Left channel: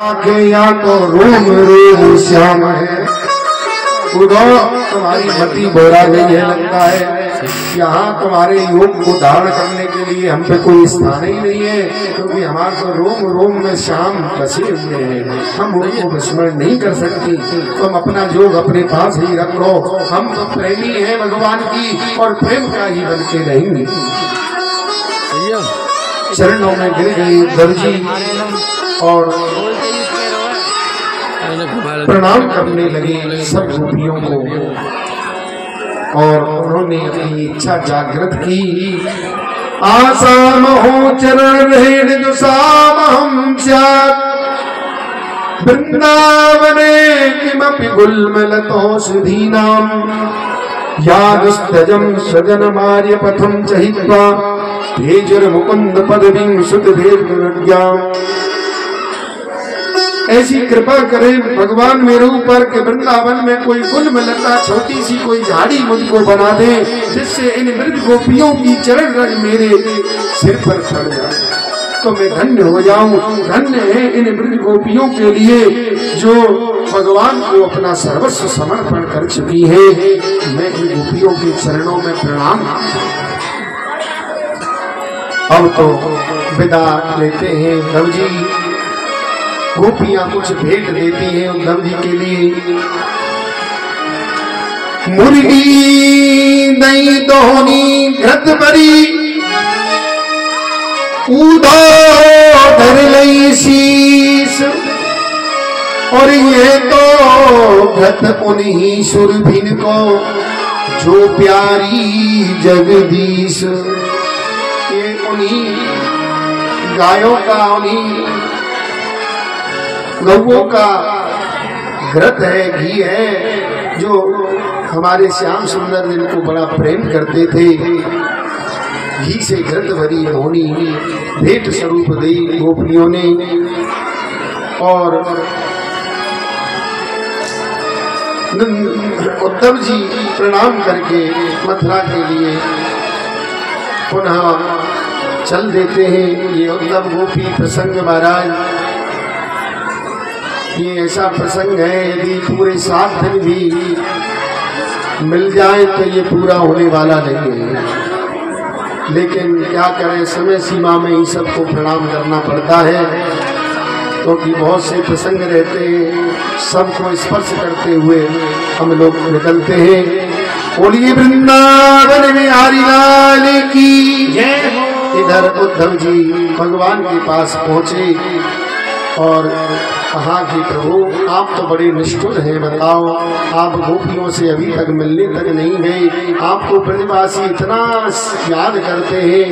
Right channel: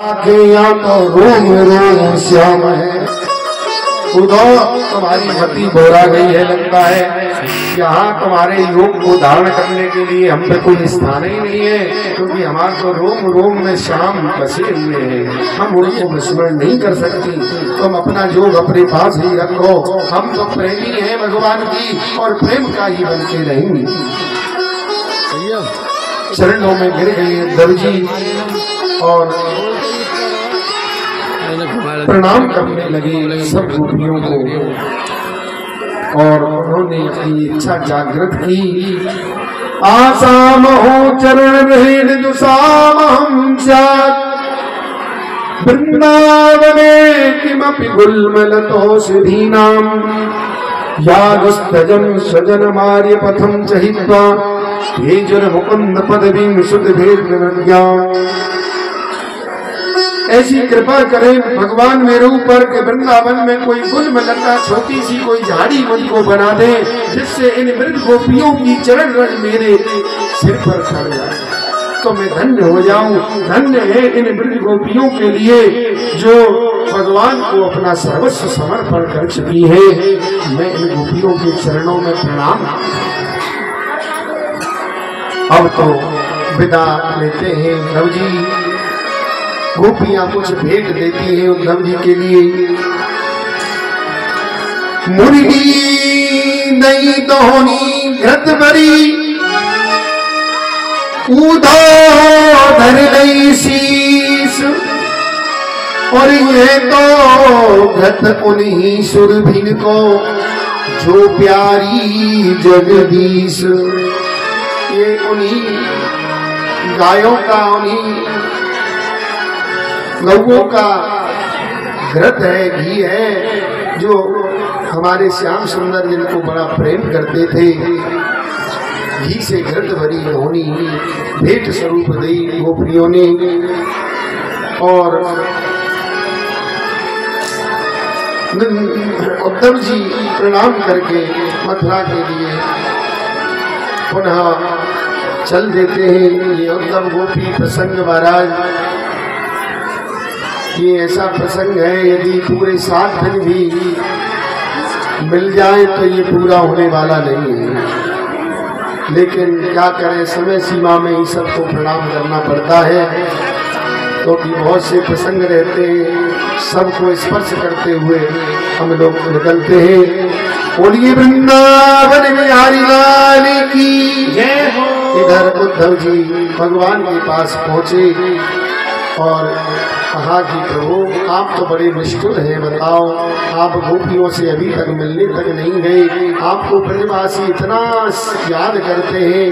आँखें तो रोम रोम श्याम है, उधर तुम्हारी मति बोरा गई है। लगता है यहाँ तुम्हारे योग को धारण करने के लिए हम पे कोई स्थान ही नहीं है, क्योंकि हमारे तो रोम रोम में श्याम बसे हुए हैं, हम उनको विस्मरण नहीं कर सकते। तुम अपना योग अपने पास ही रखो, हम तो प्रेमी हैं भगवान की और प्रेम का ही बनते रहेंगे। चरणों में गिर गए दर्जी और प्रणाम करने लगे सब गोपियों को, और उन्होंने अपनी इच्छा जागृत की। आसाम हो चरण रहे दुसाम हम वृंदावने किमपि गुल्मलतो सुधीनाम यादस्तजम सजन मार्य पथम चहित्वा भेजुर मुकुंद पदवीं सुत भेद विज्ञा। ऐसी कृपा करें भगवान मेरे ऊपर के वृंदावन में कोई गुल्म लता छोटी सी कोई झाड़ी मुझको बना दे, जिससे इन वृद्ध गोपियों की चरण रज मेरे सिर पर चढ़ जाए तो मैं धन्य हो जाऊं। धन्य है इन वृद्ध गोपियों के लिए जो भगवान को अपना सर्वस्व समर्पण कर चुकी है। मैं इन गोपियों के चरणों में प्रणाम। अब तो विदा लेते हैं उद्धव जी। गोपियां कुछ भेंट देती हैं उद्धव जी के लिए। मुर्गी दही दोहनी घृत बरी ऊधो धर गई शीस, और ये तो घृत उन्हीं सुरभिन को जो प्यारी जगदीश। ये उन्हीं गायों का उन्हीं गौओं का घृत है, घी है, जो हमारे श्याम सुंदर जिनको बड़ा प्रेम करते थे। घी से घृत भरी होनी भेंट स्वरूप दी गोपियों ने। और उद्धव जी प्रणाम करके मथुरा के लिए पुनः चल देते हैं। ये उद्धव गोपी प्रसंग महाराज, ये ऐसा प्रसंग है, यदि पूरे 7 दिन भी मिल जाए तो ये पूरा होने वाला नहीं है। लेकिन क्या करें, समय सीमा में ही सबको प्रणाम करना पड़ता है, क्योंकि बहुत से प्रसंग रहते हैं, सबको स्पर्श करते हुए हम लोग निकलते हैं। बोलिए वृंदावन बिहारी लाल की जय हो। इधर उद्धव जी भगवान के पास पहुंचे और कहा कि प्रभु आप तो बड़े निष्ठुर हैं, बताओ आप गोपियों से अभी तक मिलने तक नहीं गए, आपको ब्रजवासी इतना याद करते हैं,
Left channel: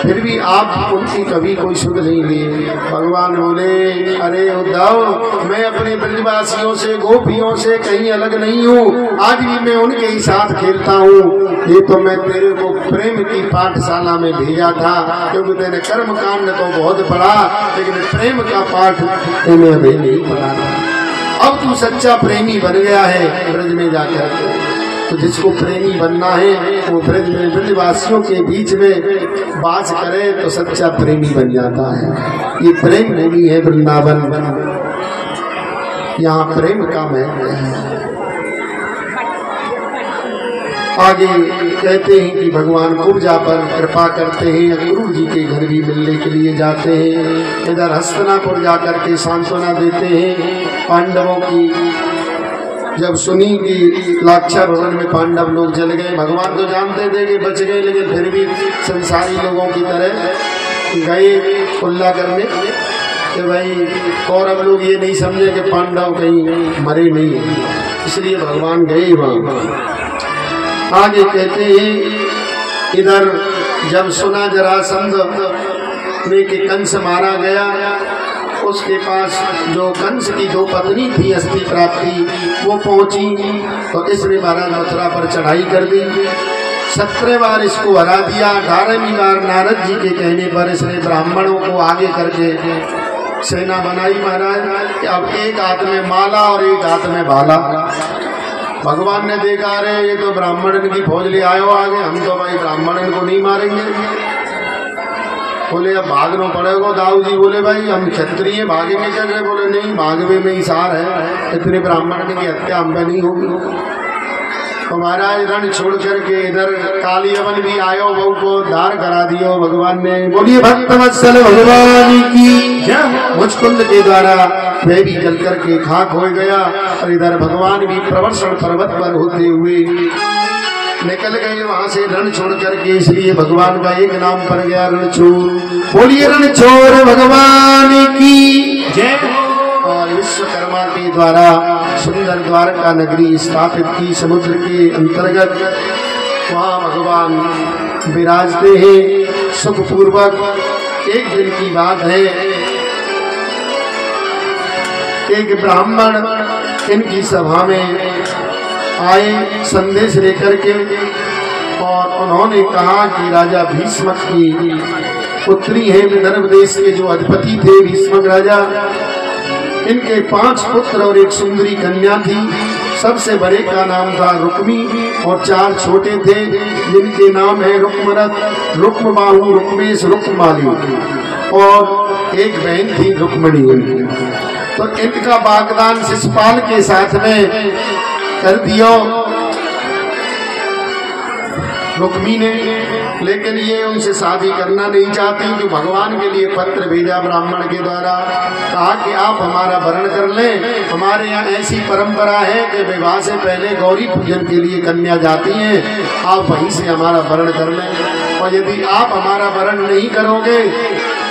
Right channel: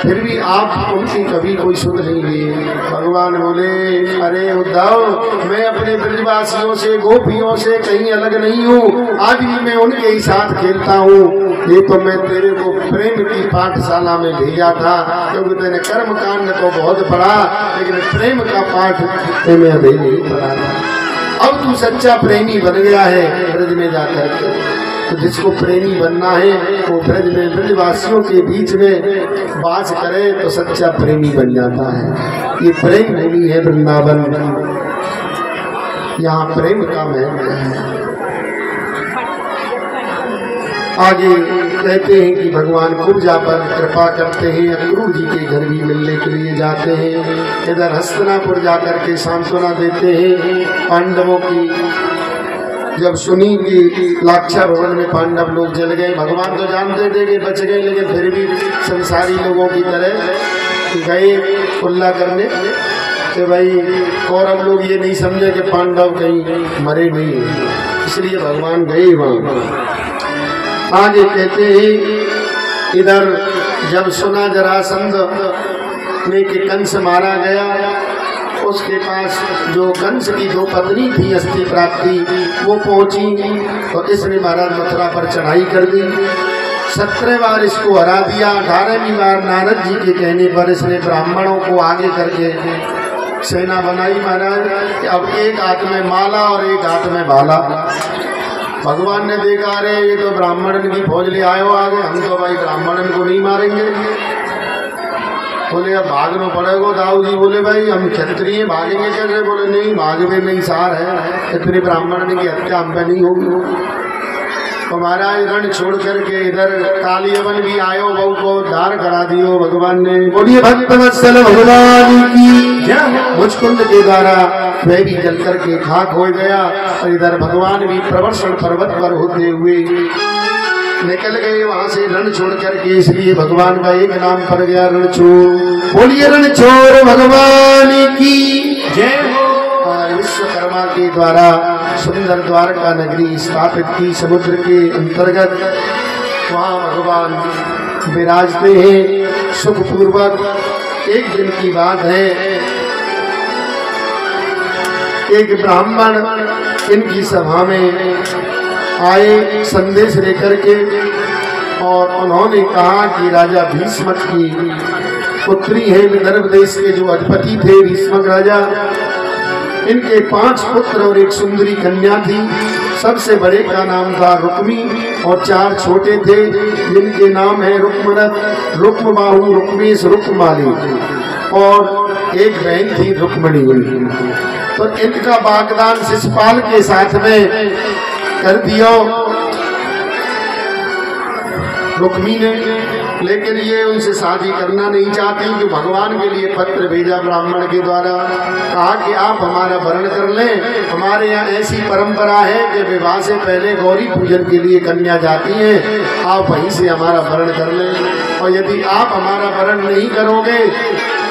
फिर भी आप उनकी कभी कोई सुध नहीं लिए। भगवान बोले, अरे उद्धव मैं अपने ब्रजवासियों से गोपियों से कहीं अलग नहीं हूँ, आज भी मैं उनके ही साथ खेलता हूँ। ये तो मैं तेरे को प्रेम की पाठशाला में भेजा था, क्योंकि तेरे कर्म कांड तो बहुत पढ़ा, लेकिन प्रेम का पाठ तुम्हें अभी नहीं पढ़ा। अब तू सच्चा प्रेमी बन गया है ब्रज में जाकर। तो जिसको प्रेमी बनना है वो ब्रज में ब्रजवासियों के बीच में वास करे तो सच्चा प्रेमी बन जाता है। ये प्रेम भूमि है वृंदावन, यहाँ प्रेम का महल है। आगे कहते हैं कि भगवान कुब्जा पर कृपा करते हैं, गुरु जी के घर भी मिलने के लिए जाते हैं। इधर हस्तिनापुर जाकर के सांत्वना देते हैं पांडवों की। जब सुनी कि लाक्षा भवन में पांडव लोग जल गए, भगवान तो जानते थे कि बच गए, लेकिन फिर भी संसारी लोगों की तरह गए उल्ला करने कि भाई कौरव लोग ये नहीं समझे कि पांडव कहीं मरे नहीं, इसलिए भगवान गए वहां। आगे कहते हैं इधर जब सुना जरासंध में कि कंस मारा गया, उसके पास जो कंस की 2 पत्नी थी अस्थि प्राप्ति, वो पहुंची तो इसने महाराज मथुरा पर चढ़ाई कर दी। 17 बार इसको हरा दिया। 18वीं बार नारद जी के कहने पर इसने ब्राह्मणों को आगे करके सेना बनाई महाराज। अब एक हाथ में माला और एक हाथ में भाला। भगवान ने देखा, अरे ये तो ब्राह्मण की फौज ले आयो आगे, हम तो भाई ब्राह्मण को नहीं मारेंगे। बोले अब भागना पड़ेगा। दाऊ जी बोले भाई हम क्षत्रिय भागेंगे कैसे? बोले नहीं, भागवे में ही सार है, इतने ब्राह्मण की हत्या हम पे नहीं होगी। तो महाराज रण छोड़ करके इधर काली अवन भी आयो, बहू को धार करा दियो भगवान ने। बोलिए भक्त वत्सल भगवान की। मुचकुंद के द्वारा वह भी जल करके खाक हो गया और इधर भगवान भी प्रवर्षण पर्वत पर होते हुए निकल गए वहां से रण छोड़ करके। इसलिए भगवान का एक नाम पड़ गया रणछोड़। बोलिए रणछोड़ भगवान की जय। विश्वकर्मा के द्वारा सुंदर द्वारका नगरी स्थापित की समुद्र के अंतर्गत। वहाँ भगवान विराजते हैं सुखपूर्वक। एक दिन की बात है, एक ब्राह्मण इनकी सभा में आए संदेश लेकर के, और उन्होंने कहा कि राजा भीष्मक की पुत्री है, विदर्भ देश के जो अधिपति थे भीष्मक राजा, इनके 5 पुत्र और एक सुंदरी कन्या थी। सबसे बड़े का नाम था रुक्मी और 4 छोटे थे जिनके नाम है रुक्मरथ, रुक्मबाहु, रुक्मेश, रुक्माली, और एक बहन थी रुक्मणी। तो इनका वागदान शिशुपाल के साथ में कर दिया रुक्मी ने, लेकिन ये उनसे शादी करना नहीं चाहती। कि भगवान के लिए पत्र भेजा ब्राह्मण के द्वारा, कहा कि आप हमारा वरण कर लें। हमारे यहाँ ऐसी परंपरा है कि विवाह से पहले गौरी पूजन के लिए कन्या जाती है, आप वहीं से हमारा वरण कर लें। और यदि आप हमारा वरण नहीं करोगे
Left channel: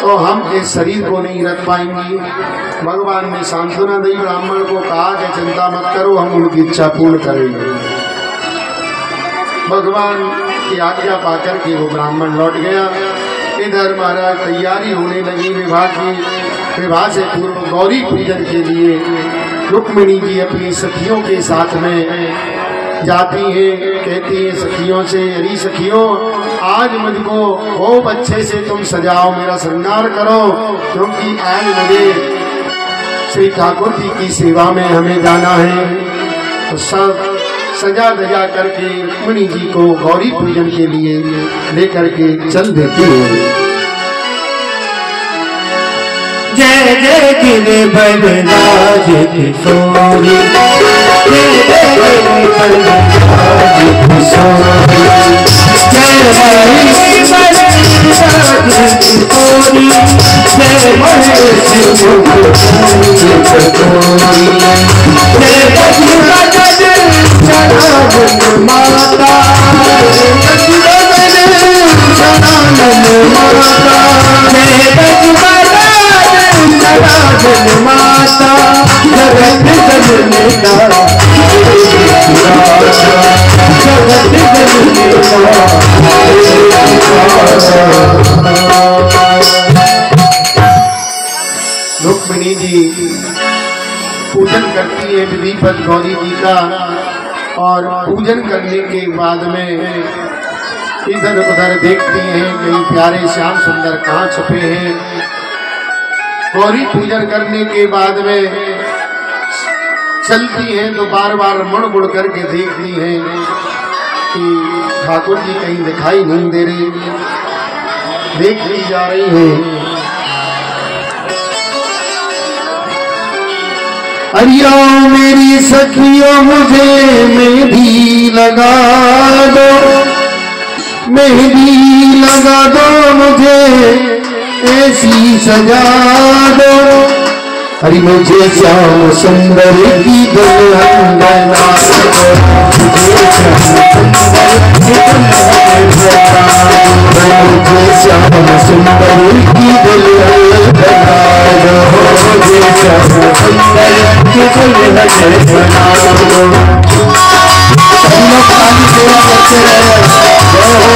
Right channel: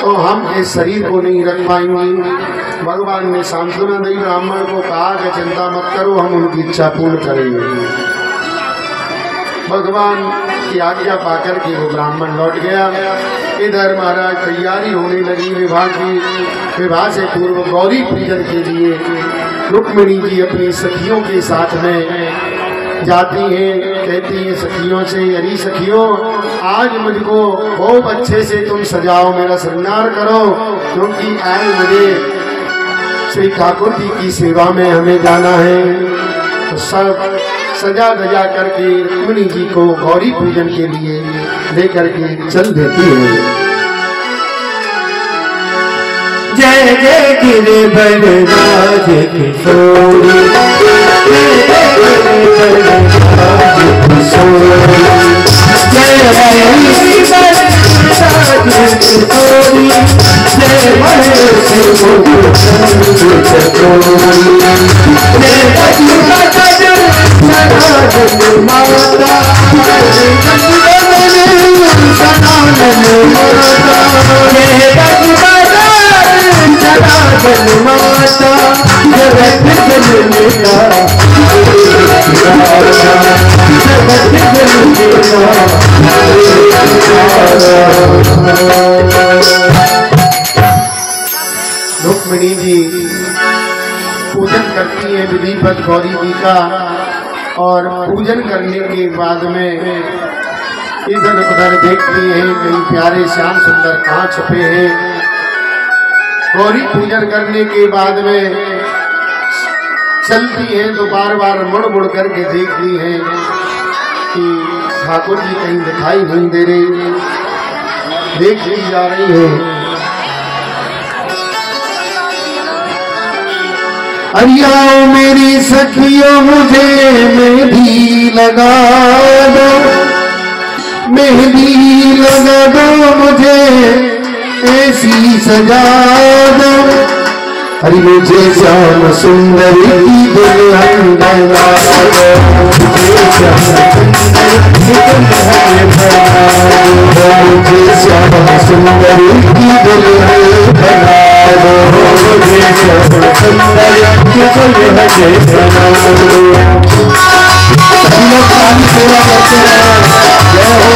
तो हम इस शरीर को नहीं रख पाएंगे। भगवान ने सांत्वना दी, ब्राह्मण को कहा कि चिंता मत करो, हम उनकी इच्छा पूर्ण करेंगे। भगवान की आज्ञा पाकर के वो ब्राह्मण लौट गया। इधर महाराज तैयारी होने लगी विवाह की। विवाह से पूर्व गौरी पूजन के लिए रुक्मिणी जी अपनी सखियों के साथ में जाती हैं। कहती हैं सखियों से, अरे सखियों आज मुझको खूब अच्छे से तुम सजाओ, मेरा श्रृंगार करो, क्योंकि आज मुझे श्री ठाकुर जी की सेवा में हमें जाना है। तो सब सजा धजा करके रुक्मिणी जी को गौरी पूजन के लिए लेकर के चल देती है। जय जय गिरे बलराज किशोरी, जय जय गिरे बलराज किशोरी, जय बलराज किशोरी, जय महेश माता, माता जगत जननी रुक्मिणी जी पूजन करती है विधिवत गौरी जी का, और पूजन करने के बाद में इधर उधर देखती हैं कहीं प्यारे श्याम सुंदर कहाँ छुपे हैं। गौरी पूजन करने के बाद में चलती हैं तो बार बार मुड़ मुड़ करके देखती हैं कि ठाकुर जी कहीं दिखाई नहीं दे रहे, देख ली जा रही है। अरिया मेरी सखियों मुझे मेहंदी लगा दो, मेहंदी लगा दो मुझे ऐसी सजा दो। अरे मुझे श्याम सुंदर की दुल्हन बना दो, मुझे श्याम सुंदर की दुल्हन बना दो, मुझे श्याम सुंदर की दुल्हन बना दो, मुझे श्याम सुंदर की दुल्हन बना दो। सभी लोग पानी सेवा करते हैं। जय हो।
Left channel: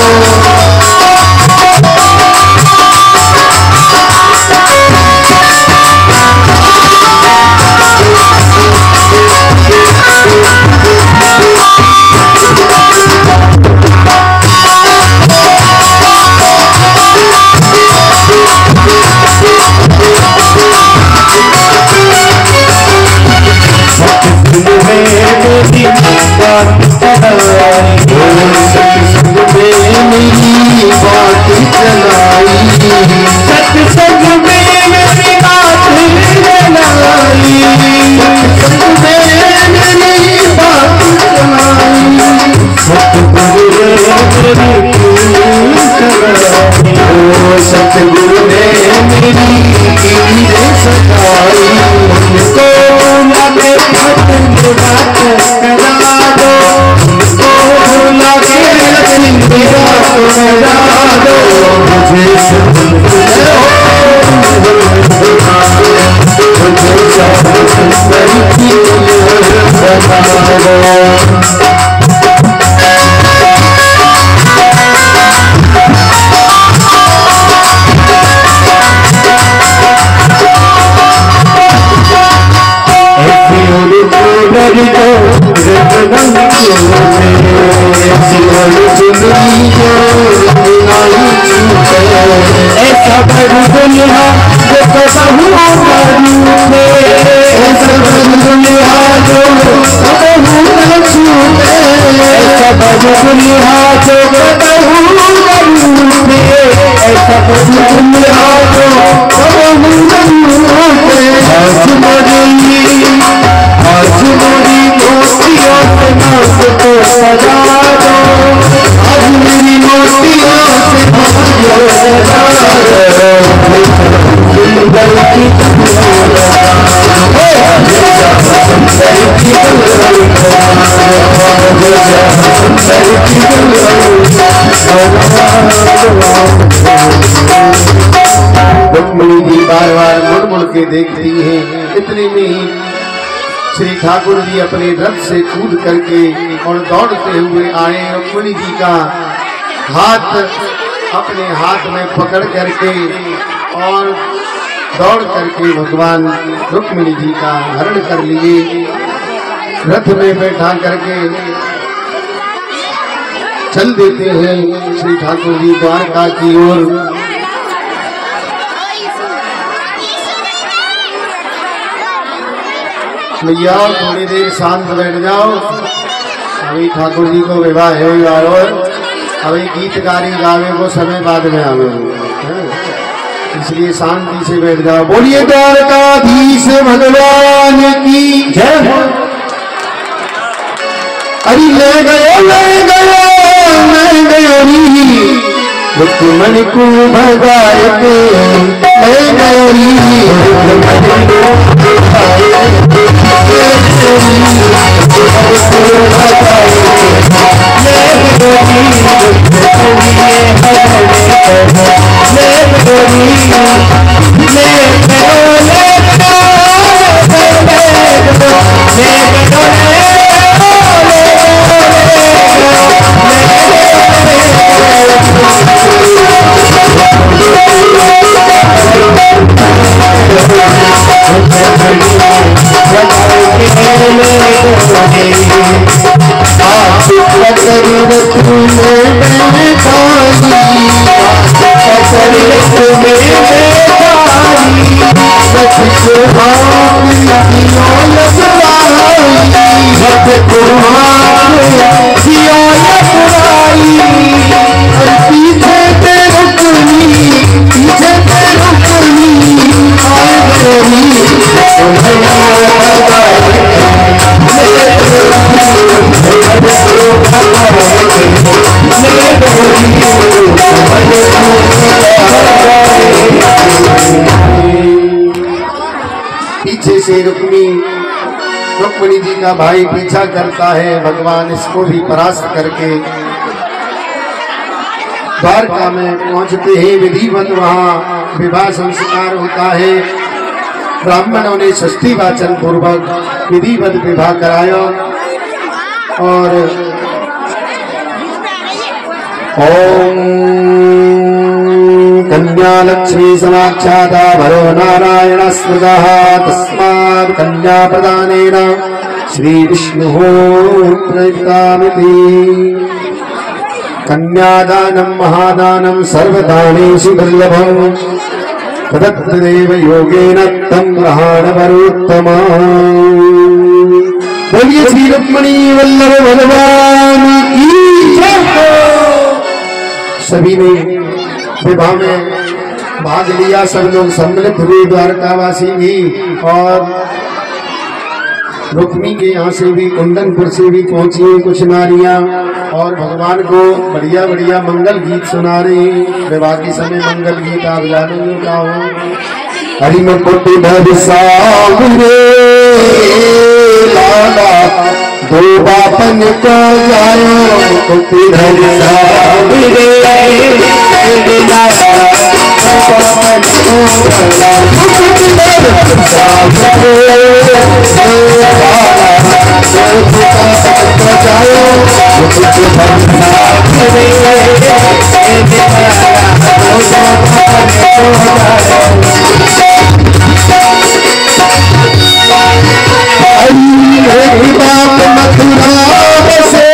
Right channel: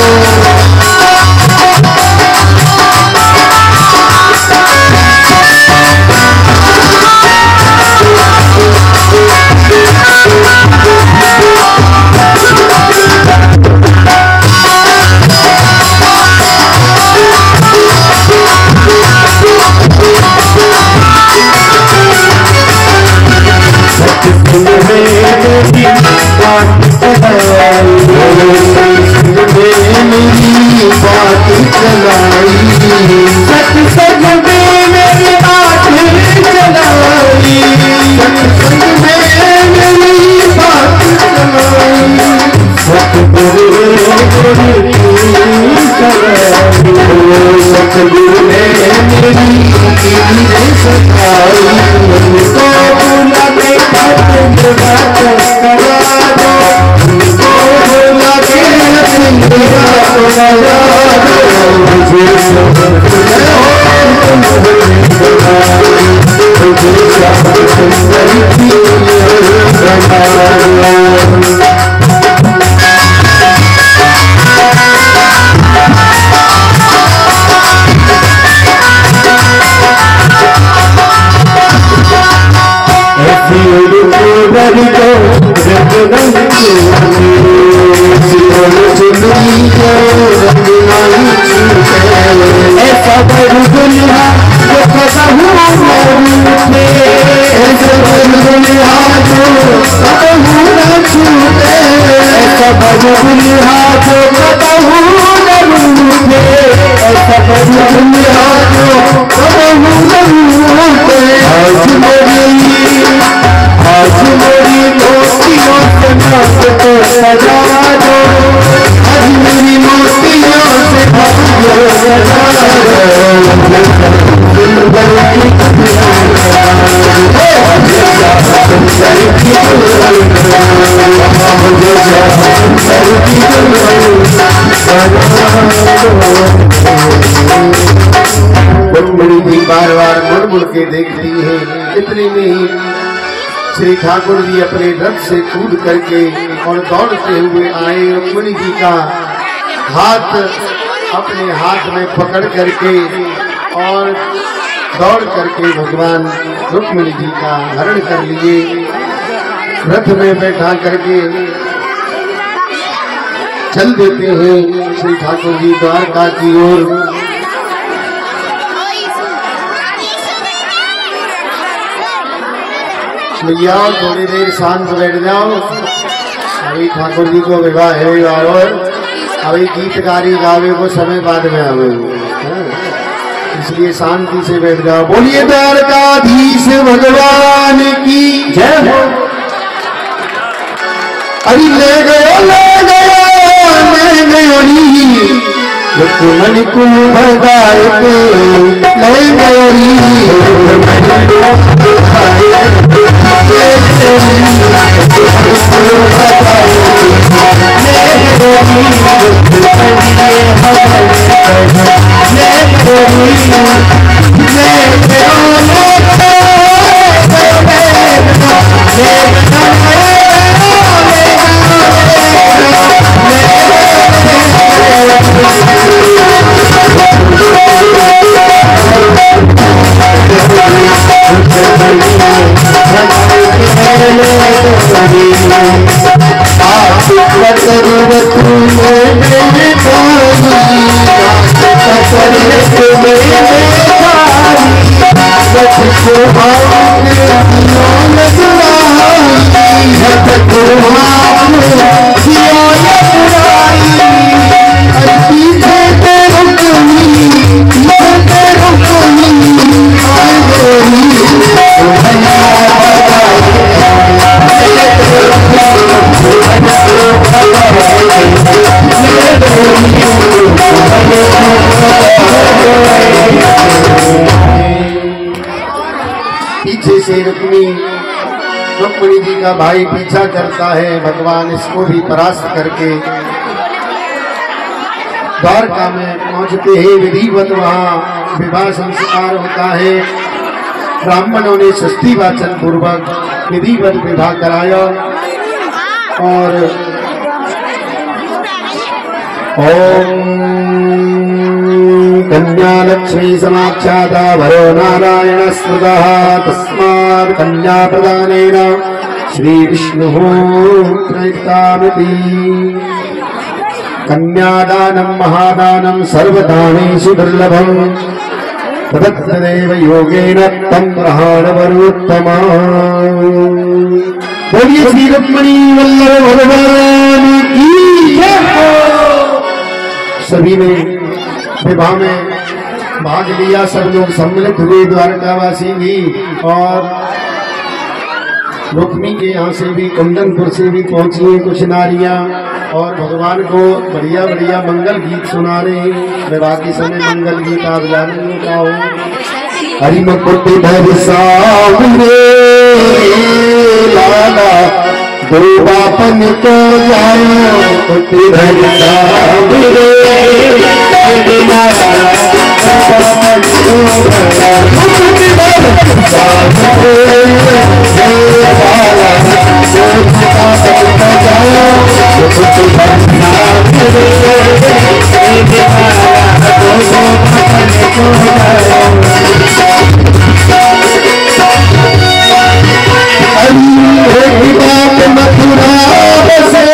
मेरी देखती है। इतने में ही श्री ठाकुर जी अपने रथ से कूद करके और दौड़ते हुए आए। रुक्मिणी जी का हाथ अपने हाथ में पकड़ करके और दौड़ करके भगवान रुक्मिणी जी का हरण कर लिए। रथ में बैठा करके चल देते हैं श्री ठाकुर जी द्वारका की ओर। भैया थोड़ी देर शांत बैठ जाओ। अभी ठाकुर जी को विवाह है और अभी गीतकारी गावे को समय बाद में आवे, इसलिए शांति से बैठ जाओ। बोलिए द्वारकाधीश भगवान की जय। अरे ले गया मैं गई रुक्मणी कुल भगाए के ले गई पीछे से रुक्मिणी जी का भाई पीछा करता है। भगवान इसको भी परास्त करके द्वारका में पहुंचते हैं। विधिवत वहाँ विवाह संस्कार होता है। ब्राह्मणों ने षष्ठी वाचन पूर्वक विधिवत विवाह कराया और कन्या लक्ष्मी समाख्याता वरो नारायण स्मृतः तस्मात् कन्या प्रदानेन श्री विष्णुः प्रयुक्तामिति। कन्यादानं महादानं सर्वदानेषु दुर्लभम् तदत्तदेव योगेन तं ग्रहाणवरोत्तमा। बोलिए श्री रुक्मिणी वल्लभ भगवान की जय। सभी ने विवाह में भाग लिया, सब लोग सम्मिलित हुए, द्वारकावासी भी और रुक्मी के यहाँ से भी कुंदनपुर से भी पहुंची कुछ नारियां और भगवान को बढ़िया बढ़िया मंगल गीत सुना रहे। विवाह के समय मंगल गीत आप जानेंगे क्या हो। हरि में पुट धर सावरे लाला दो बापन को जाए पुट धर सावरे लाला मथुरा बसे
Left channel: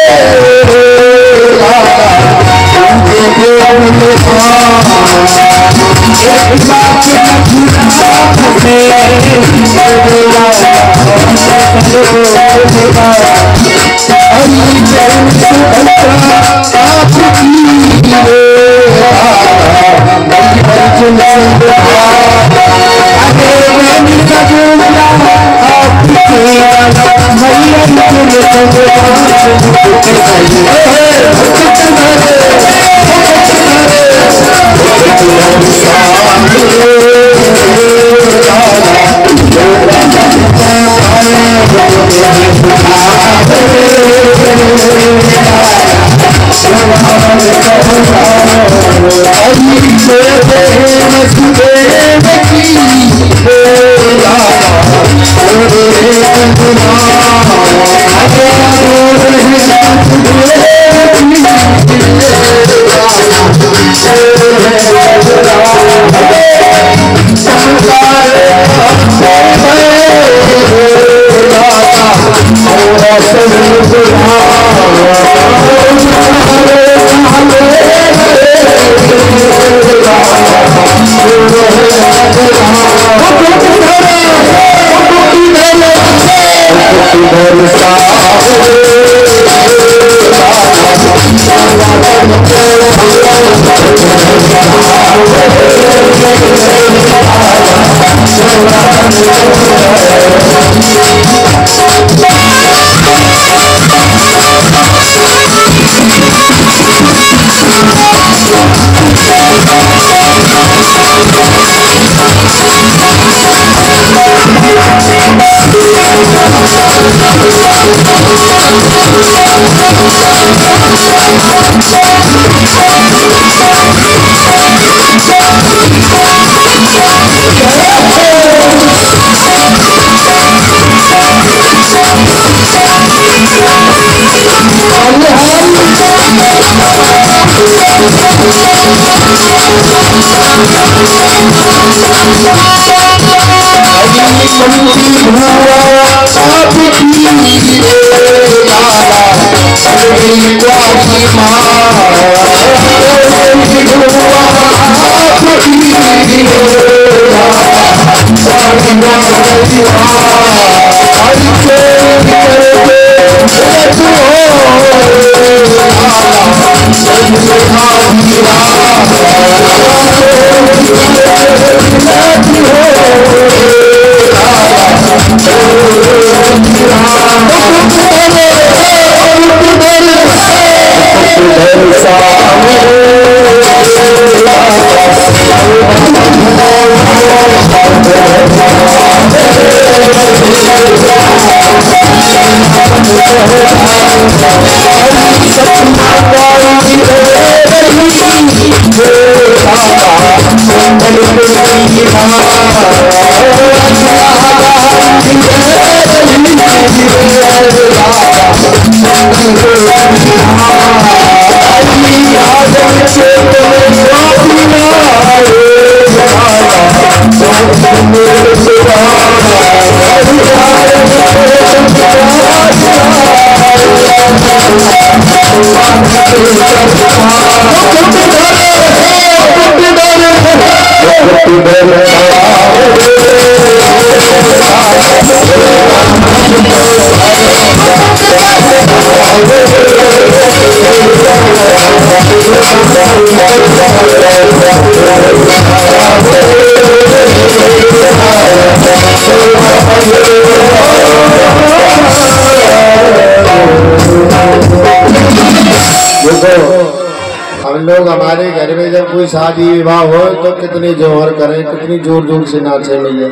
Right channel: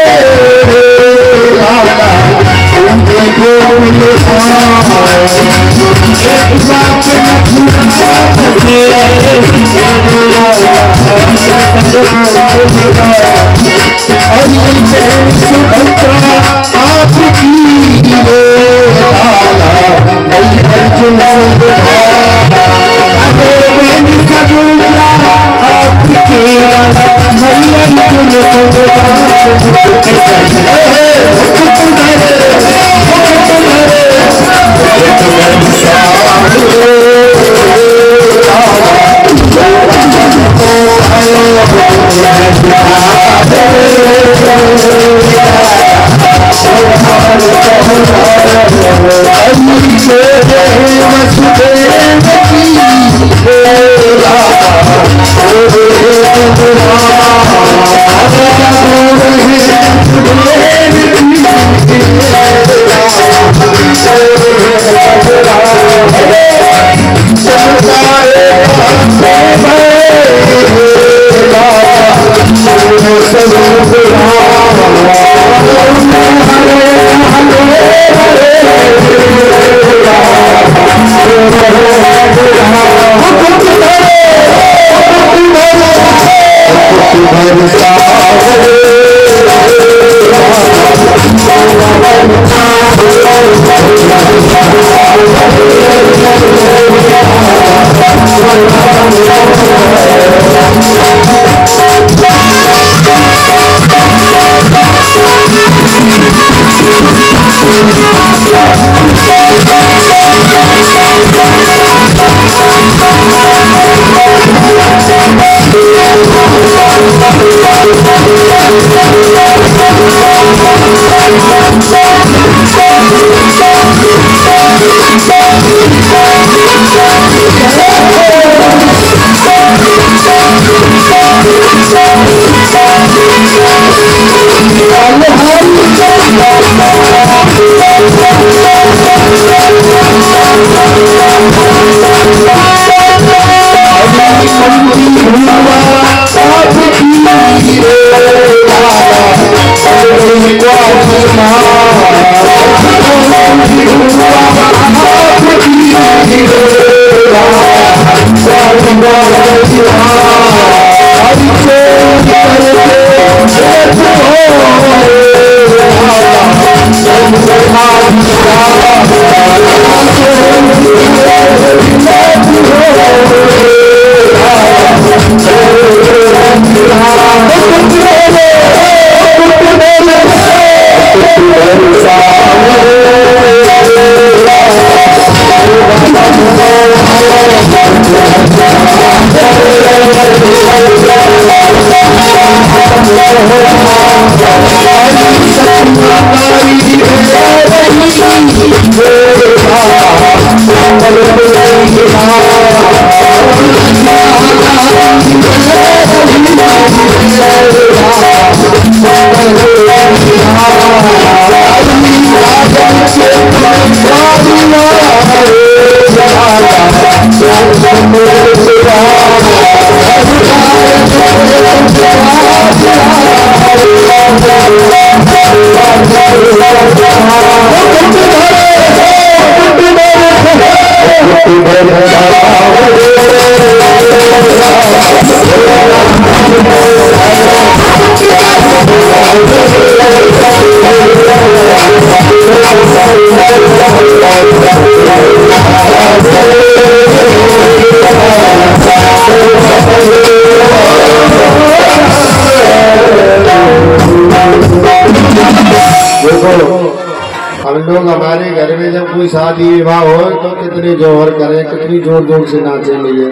हमारे घर में जब कोई शादी विवाह हो तो कितने जोहर करें, कितनी जोर जोर से नाचे भैया।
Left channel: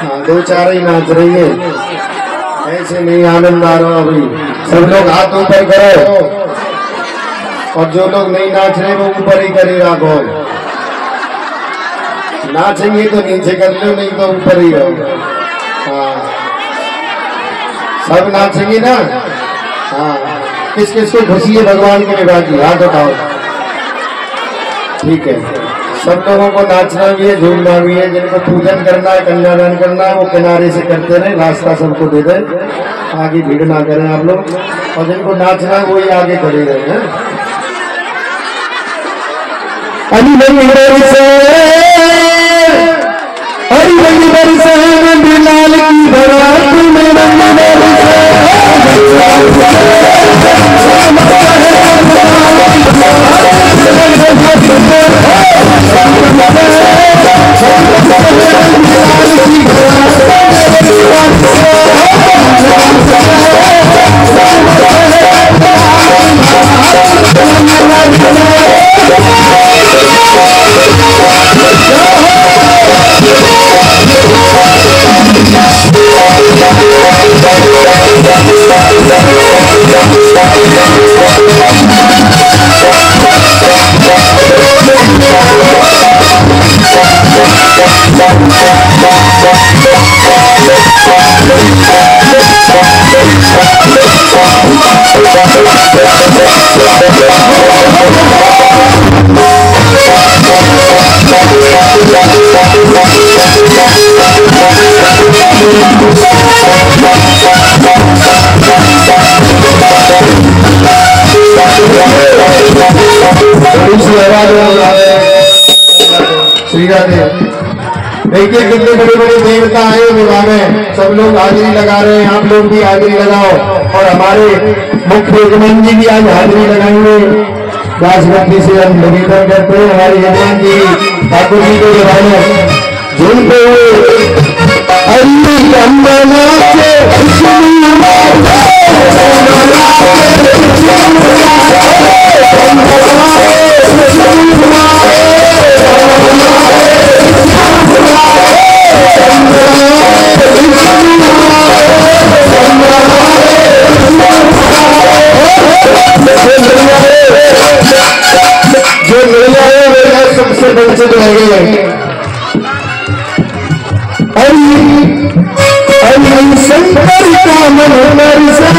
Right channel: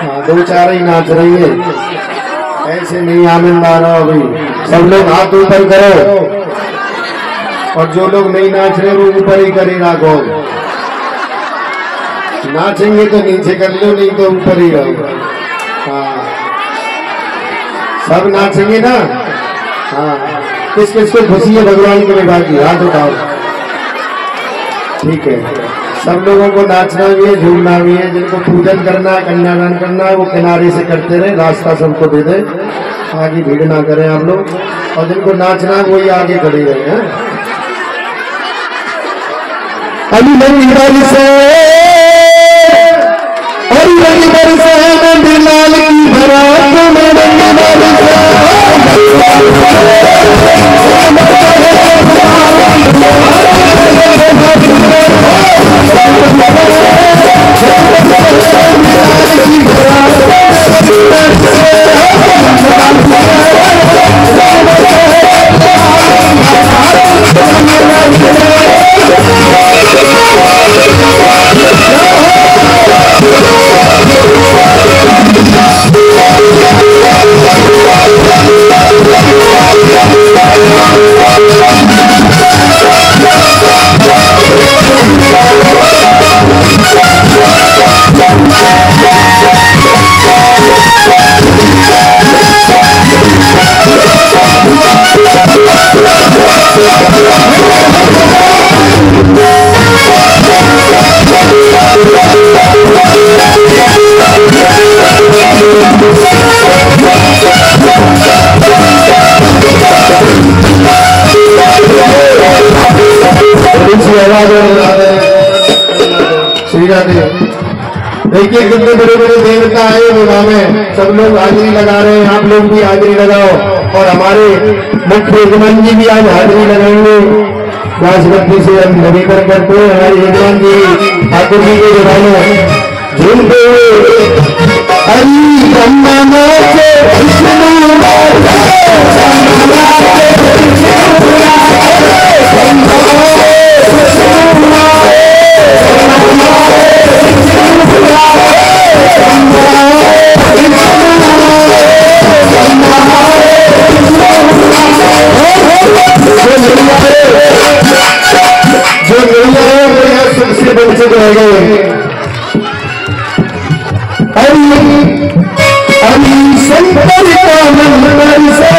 हाँ, 2-4 ही नाच रही है, ऐसे नहीं आनंद आ रहा अभी। सब लोग हाथ ऊपर करो, और जो लोग नहीं नाच रहे वो ऊपर ही करेगा। कौन नाचेंगे तो नीचे कर लो, नहीं तो ऊपर ही रहो। हाँ, सब नाचेंगे ना। हाँ, किस किस को खुशी है भगवान के विवाह की, हाथ उठाओ। ठीक है, सब लोगों को नाचना भी है, झूमना भी है। जिनको पूजन करना है, कन्यादान करना है, वो किनारे से करते रहे, रास्ता सबको दे दे, आगे भीड़ ना करें आप लोग। और जिनको नाचना है वही आगे खड़े रहे हैं। अली नंदी बरसे, अली नंदी बरसे, नंदी लाल की बरात में नंदी बरसे। देखिए कितने बड़े बड़े देवता आए विवाह में, सब लोग हाजिरी लगा रहे हैं। आप लोग भी हाजिरी लगाओ, और हमारे मुख्य यजमान जी भी आज हाजिरी लगाएंगे। राष्ट्रपति से हम निवेदन करते हैं, हमारे यजमान जी ठाकुर जी के जवानों झूमते हुए हरी ब्रह्मना जो मिल जाए वो सबसे वंचित रह गए। हरि शंकर का मन बरसे,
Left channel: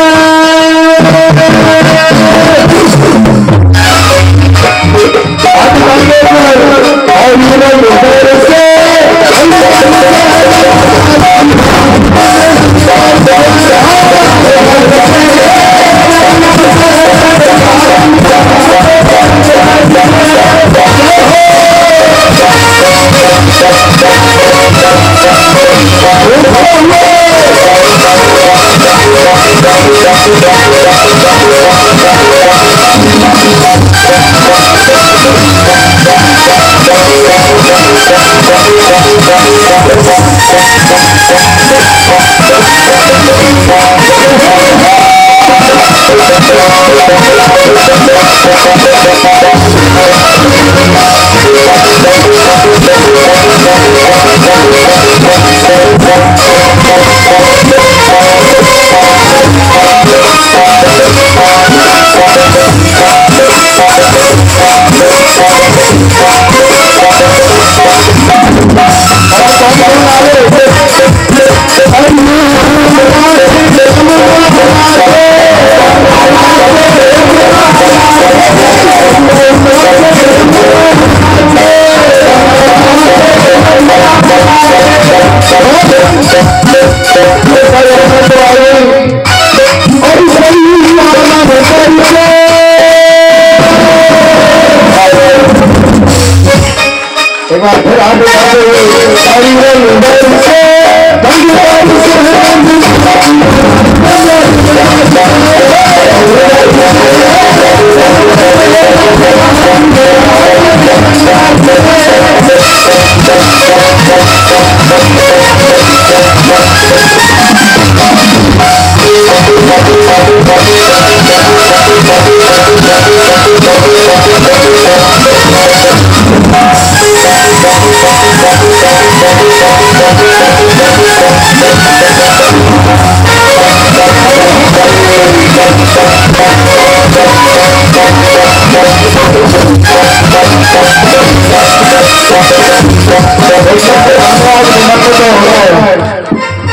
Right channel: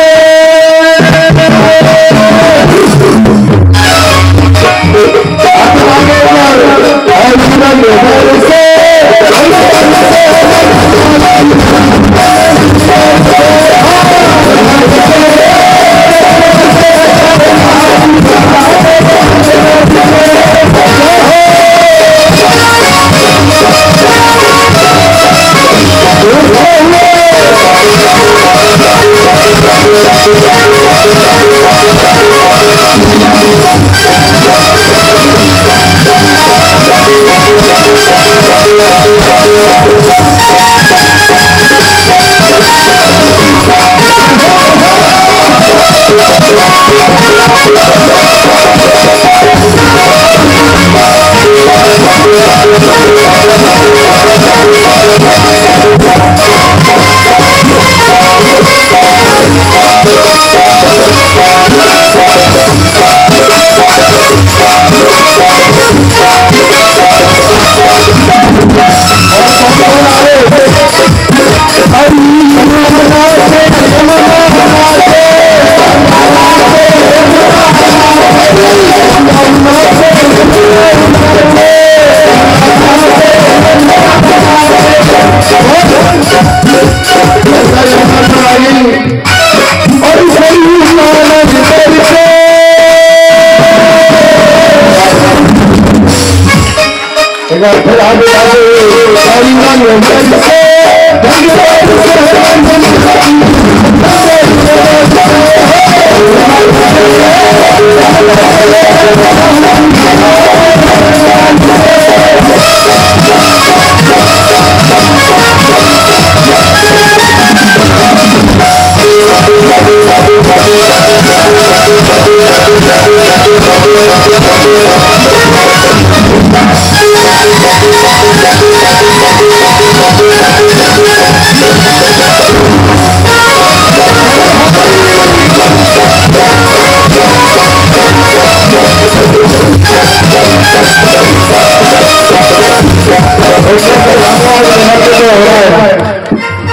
फिर आगे आगे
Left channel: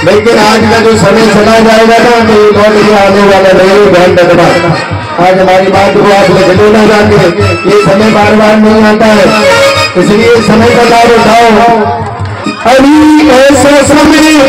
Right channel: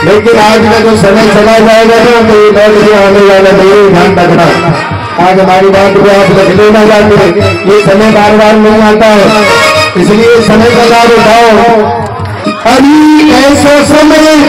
लेकिन आज का जो समय चला जाएगा ना तो ये लौट के आने वाला नहीं, ध्यान रखना। आज हमारी बात को आप रख लेना जाके, ये समय बार बार नहीं आता है, इसलिए समय का लाभ उठाओ। अभी ऐसा समय नहीं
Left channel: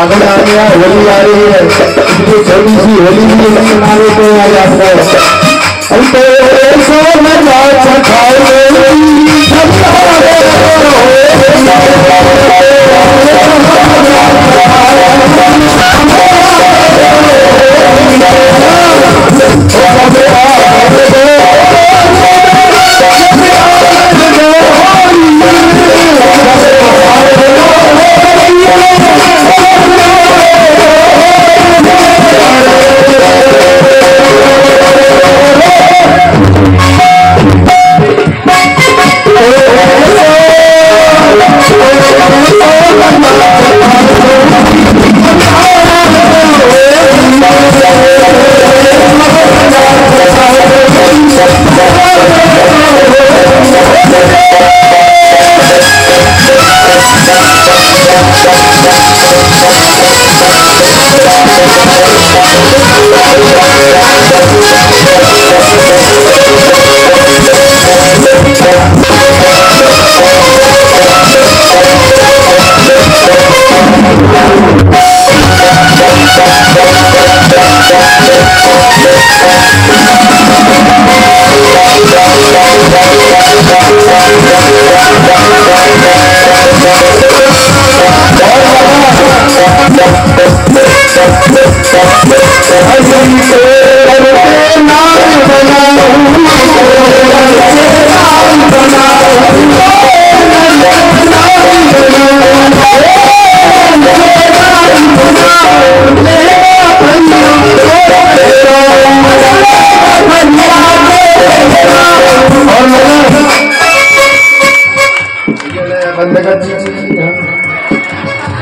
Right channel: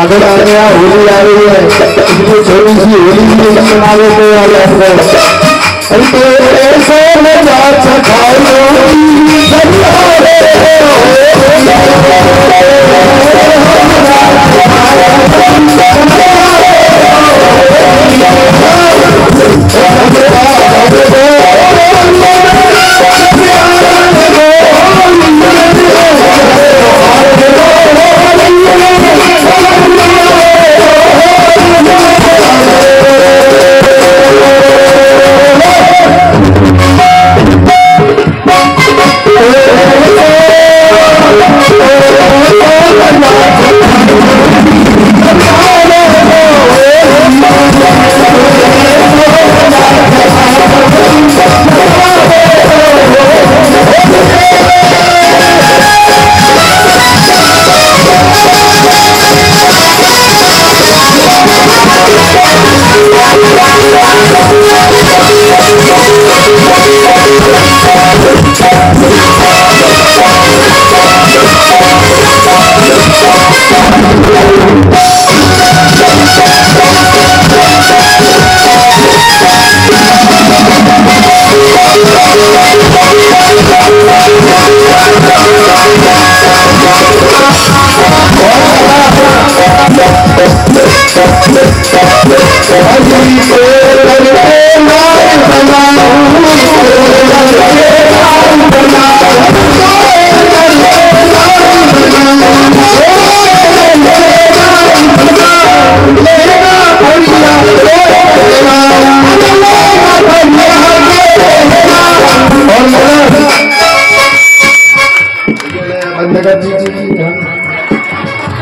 आगे आ गया, होली आ रही है, इसलिए थोड़ी सी होली भी मना लेते हैं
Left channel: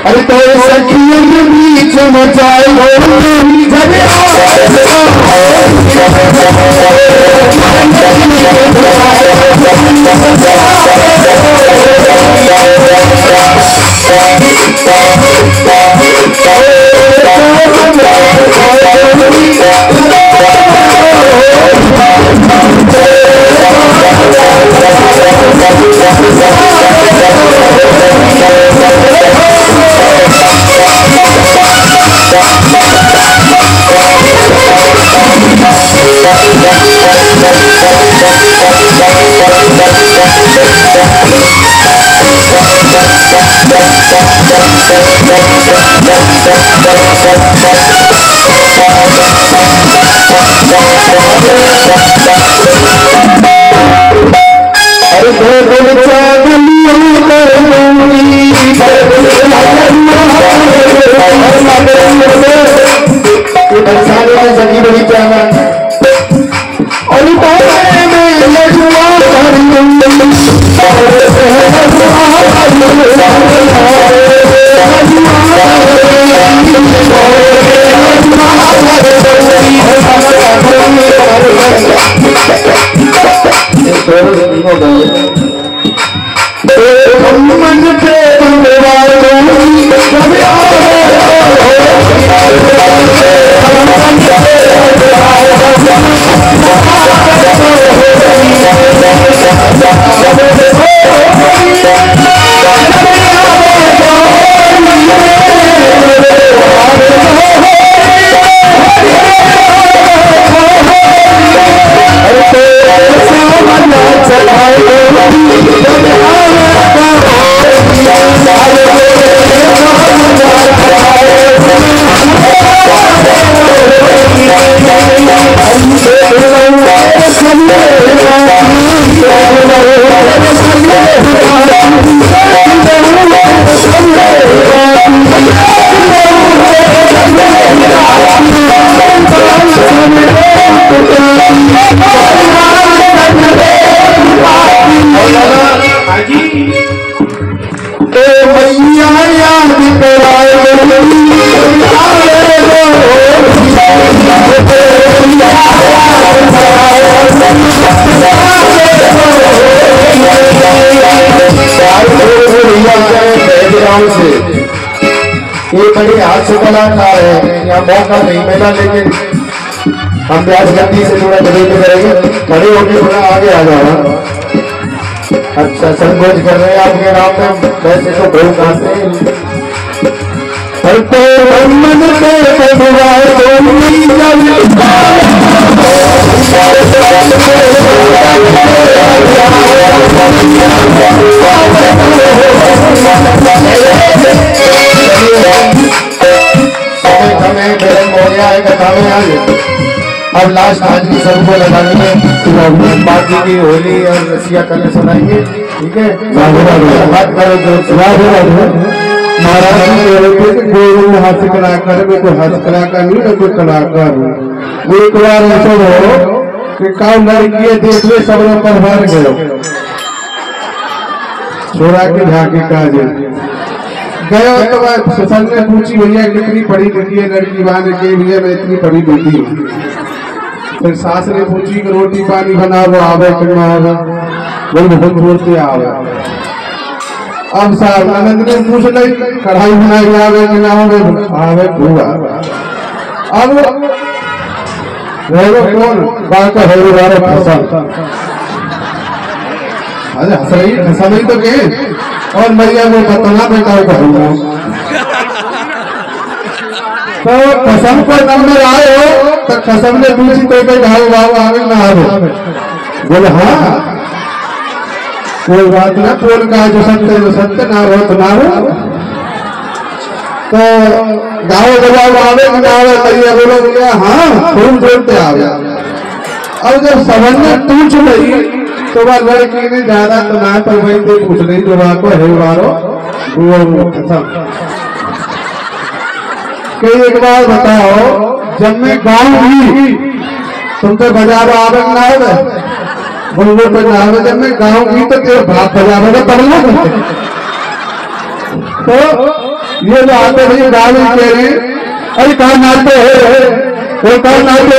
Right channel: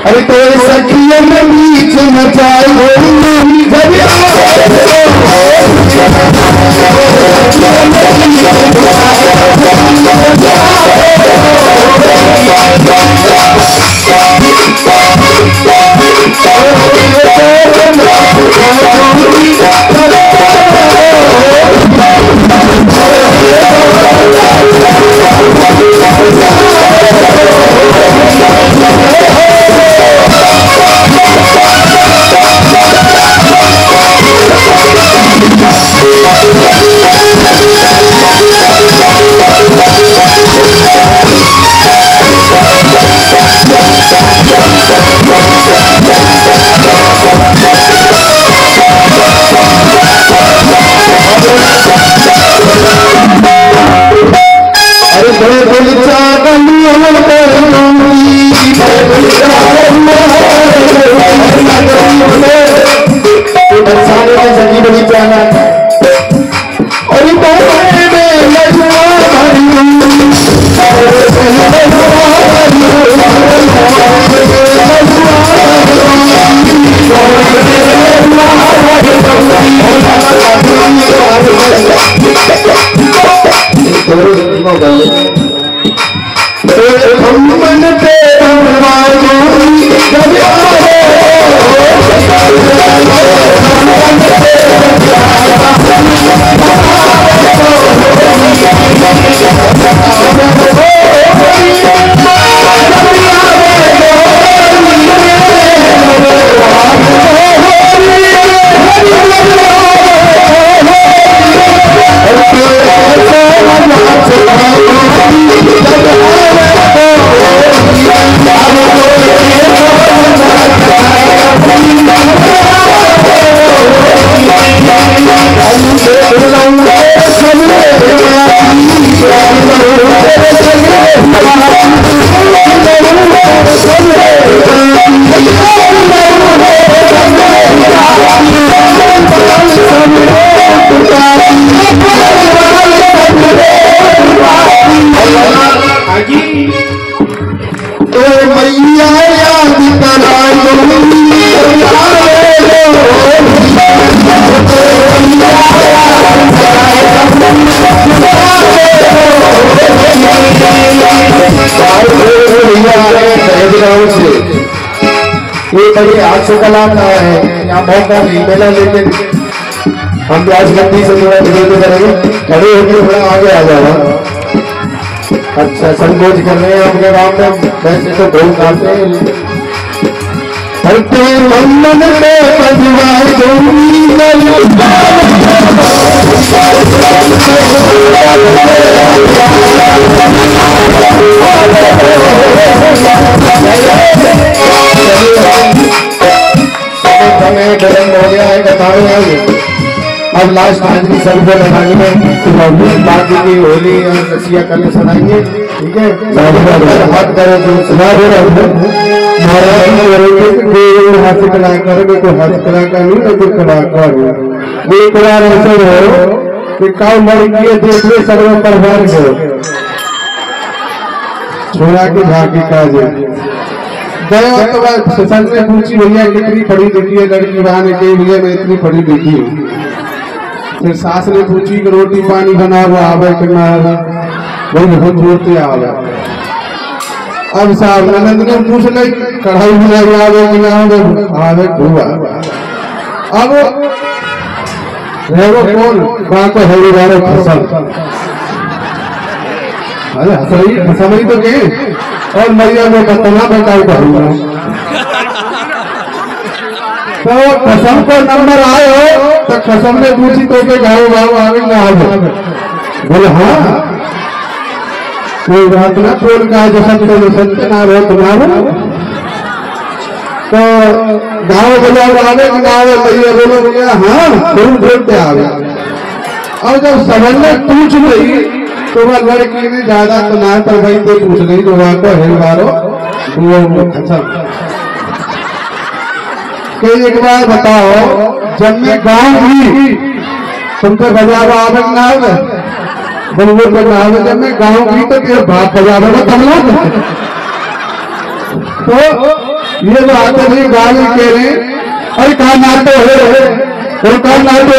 अरे तो सखियों के बीच मचाई अरे दो बरसाने में सगी बगीचा में और मन पे ये बड़ी हाथ से कलाकार है, यहाँ मौका नहीं मिला, लेकिन हम प्यास गंदी से थोड़ा विरोध करेंगे। खड़े होकर थोड़ा आगे आ जाओ। अच्छा, संकोच कर रहे हैं आपके नाम में, वैसे तो बहुत खाते हैं। गरम हो गया है कथा में आज। अब लास्ट हाजरी सबको लगानी है, बाकी की होली और रसिया कल सुनाएंगे, ठीक है। हाथ करो तो हाथ कलाकार में कोई हाथ कलाकार नहीं तो कोई कलाकार हो। एक बार ऐसा हो कि काम लड़की देख ले सब लोग परवार गए छोड़ा के झाकी काजे गया तो बात ससन ने पूछी भैया कितनी पढ़ी लिखी है लड़की, बहाने के लिए मैं इतनी पढ़ी लिखी हूँ। फिर सास ने पूछी कि रोटी पानी बना वो आवे कि ना आवे, वही बहुत बोलते आवे। अब साहब ननद ने पूछ ली कढ़ाई बनाई आवे कि ना आवे, आवे भूआ। अब रहेगा कौन बात है वाले फसल, अरे सही समझ तो के और मैया में बतना बेटा तो कसम को नंबर आए हो तो कसम ने पूछी तो गाय बाबू आवे ना आवे, बोले हाँ कोई बात ना, बोल का जो सत्य ना रहे तो ना हो। तो गाँव बजाव आवे ना आवे, मैया बोलो बोले हाँ खूब बोलते आवे। और जब सबन ने पूछ रही तो वह लड़की ने ज्यादा तो ना पर भाई कोई पूछ नहीं तो वहां को हेलवारो कोई। एक बार बताओ, जब मैं गाँव भी तुम तो बजावा आवे ना आवे, वो बजावे, जब मैं गाँव भी तो तेरे बाप बजावे ना तबला। तो ये जो आते भाई गाँव में कह रहे अरे कहा नाते है वो कहा नाते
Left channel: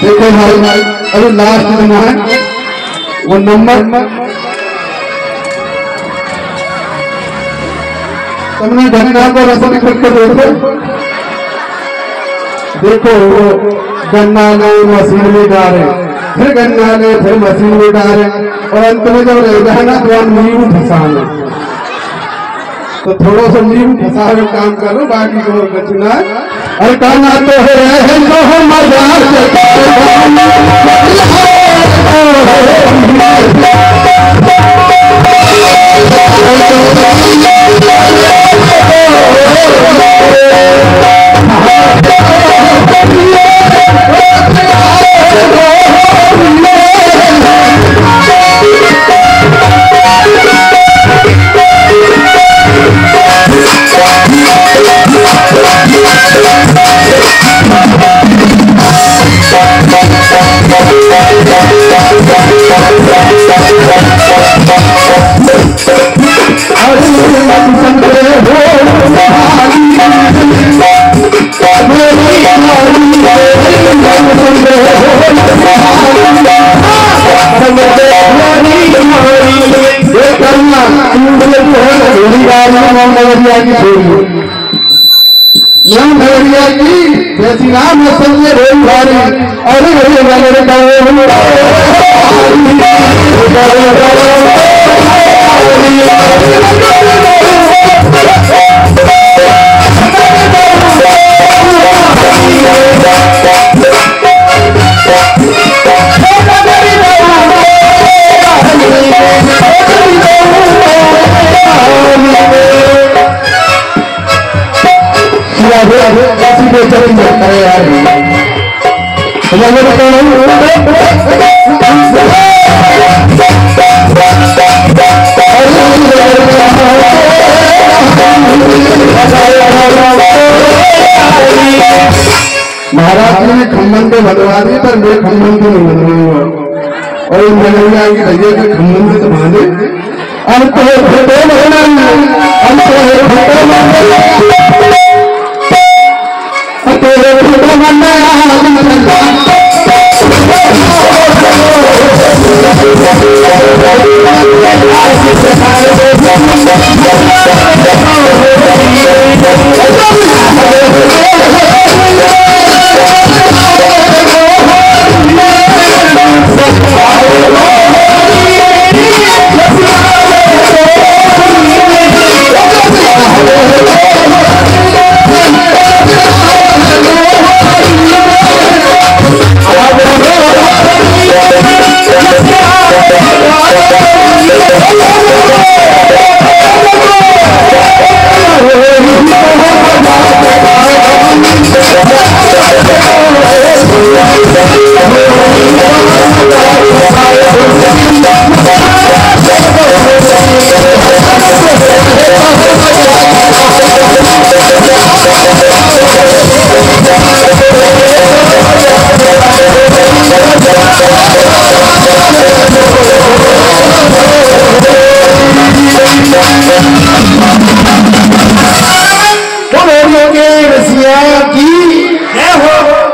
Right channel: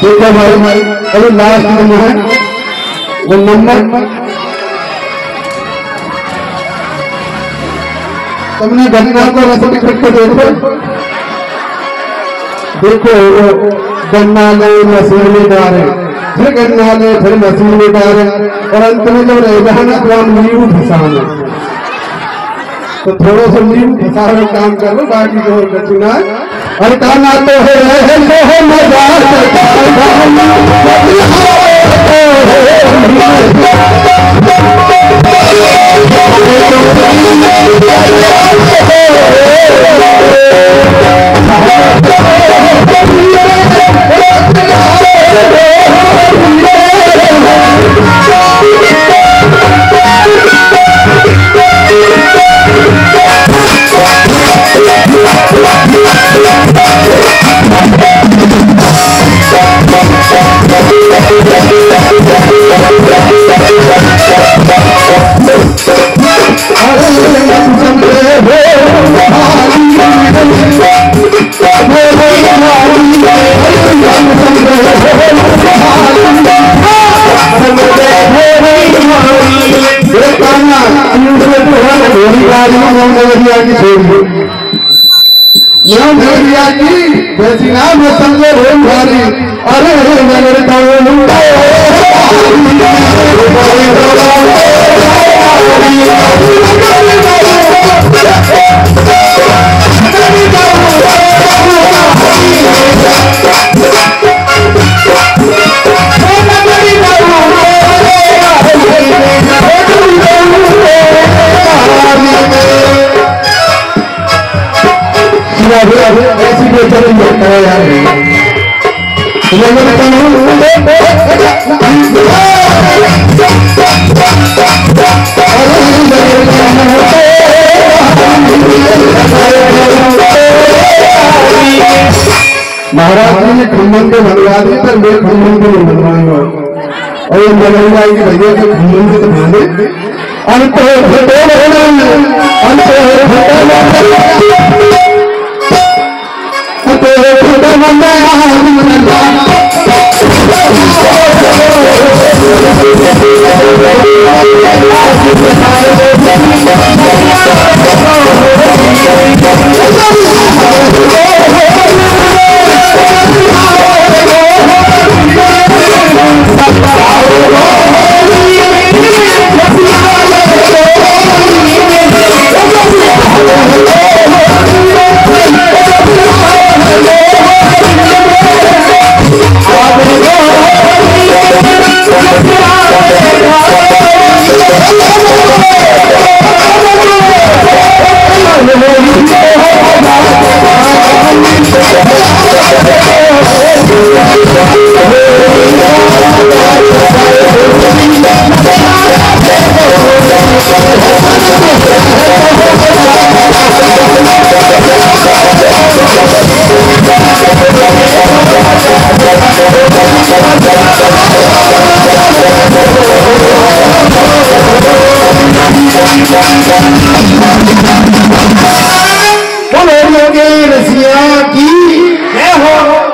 देखो भाई अभी लास्ट में है वो नंबर तुमने गन्ना को रसम करके देखो वो गन्ना ले मशीन में डाले, फिर गन्ना ले फिर मशीन में डाले, और अंत में जब रह जाए ना तो हम नींबू फंसाना, तो थोड़ा सा नींबू फंसा के काम करो, बाकी तो और कुछ ना। अरे कहना तो है मजार नगरिया की जैसी नाम समझे रेल भारी, अरे नगर ऐसी चलेंगे यार महाराष्ट्र में खम्बन को भगवा दी, पर मैं खम्बन को नहीं भगवाऊंगा, और ये नगरिया की भैया के खम्बन को तो भाने अंत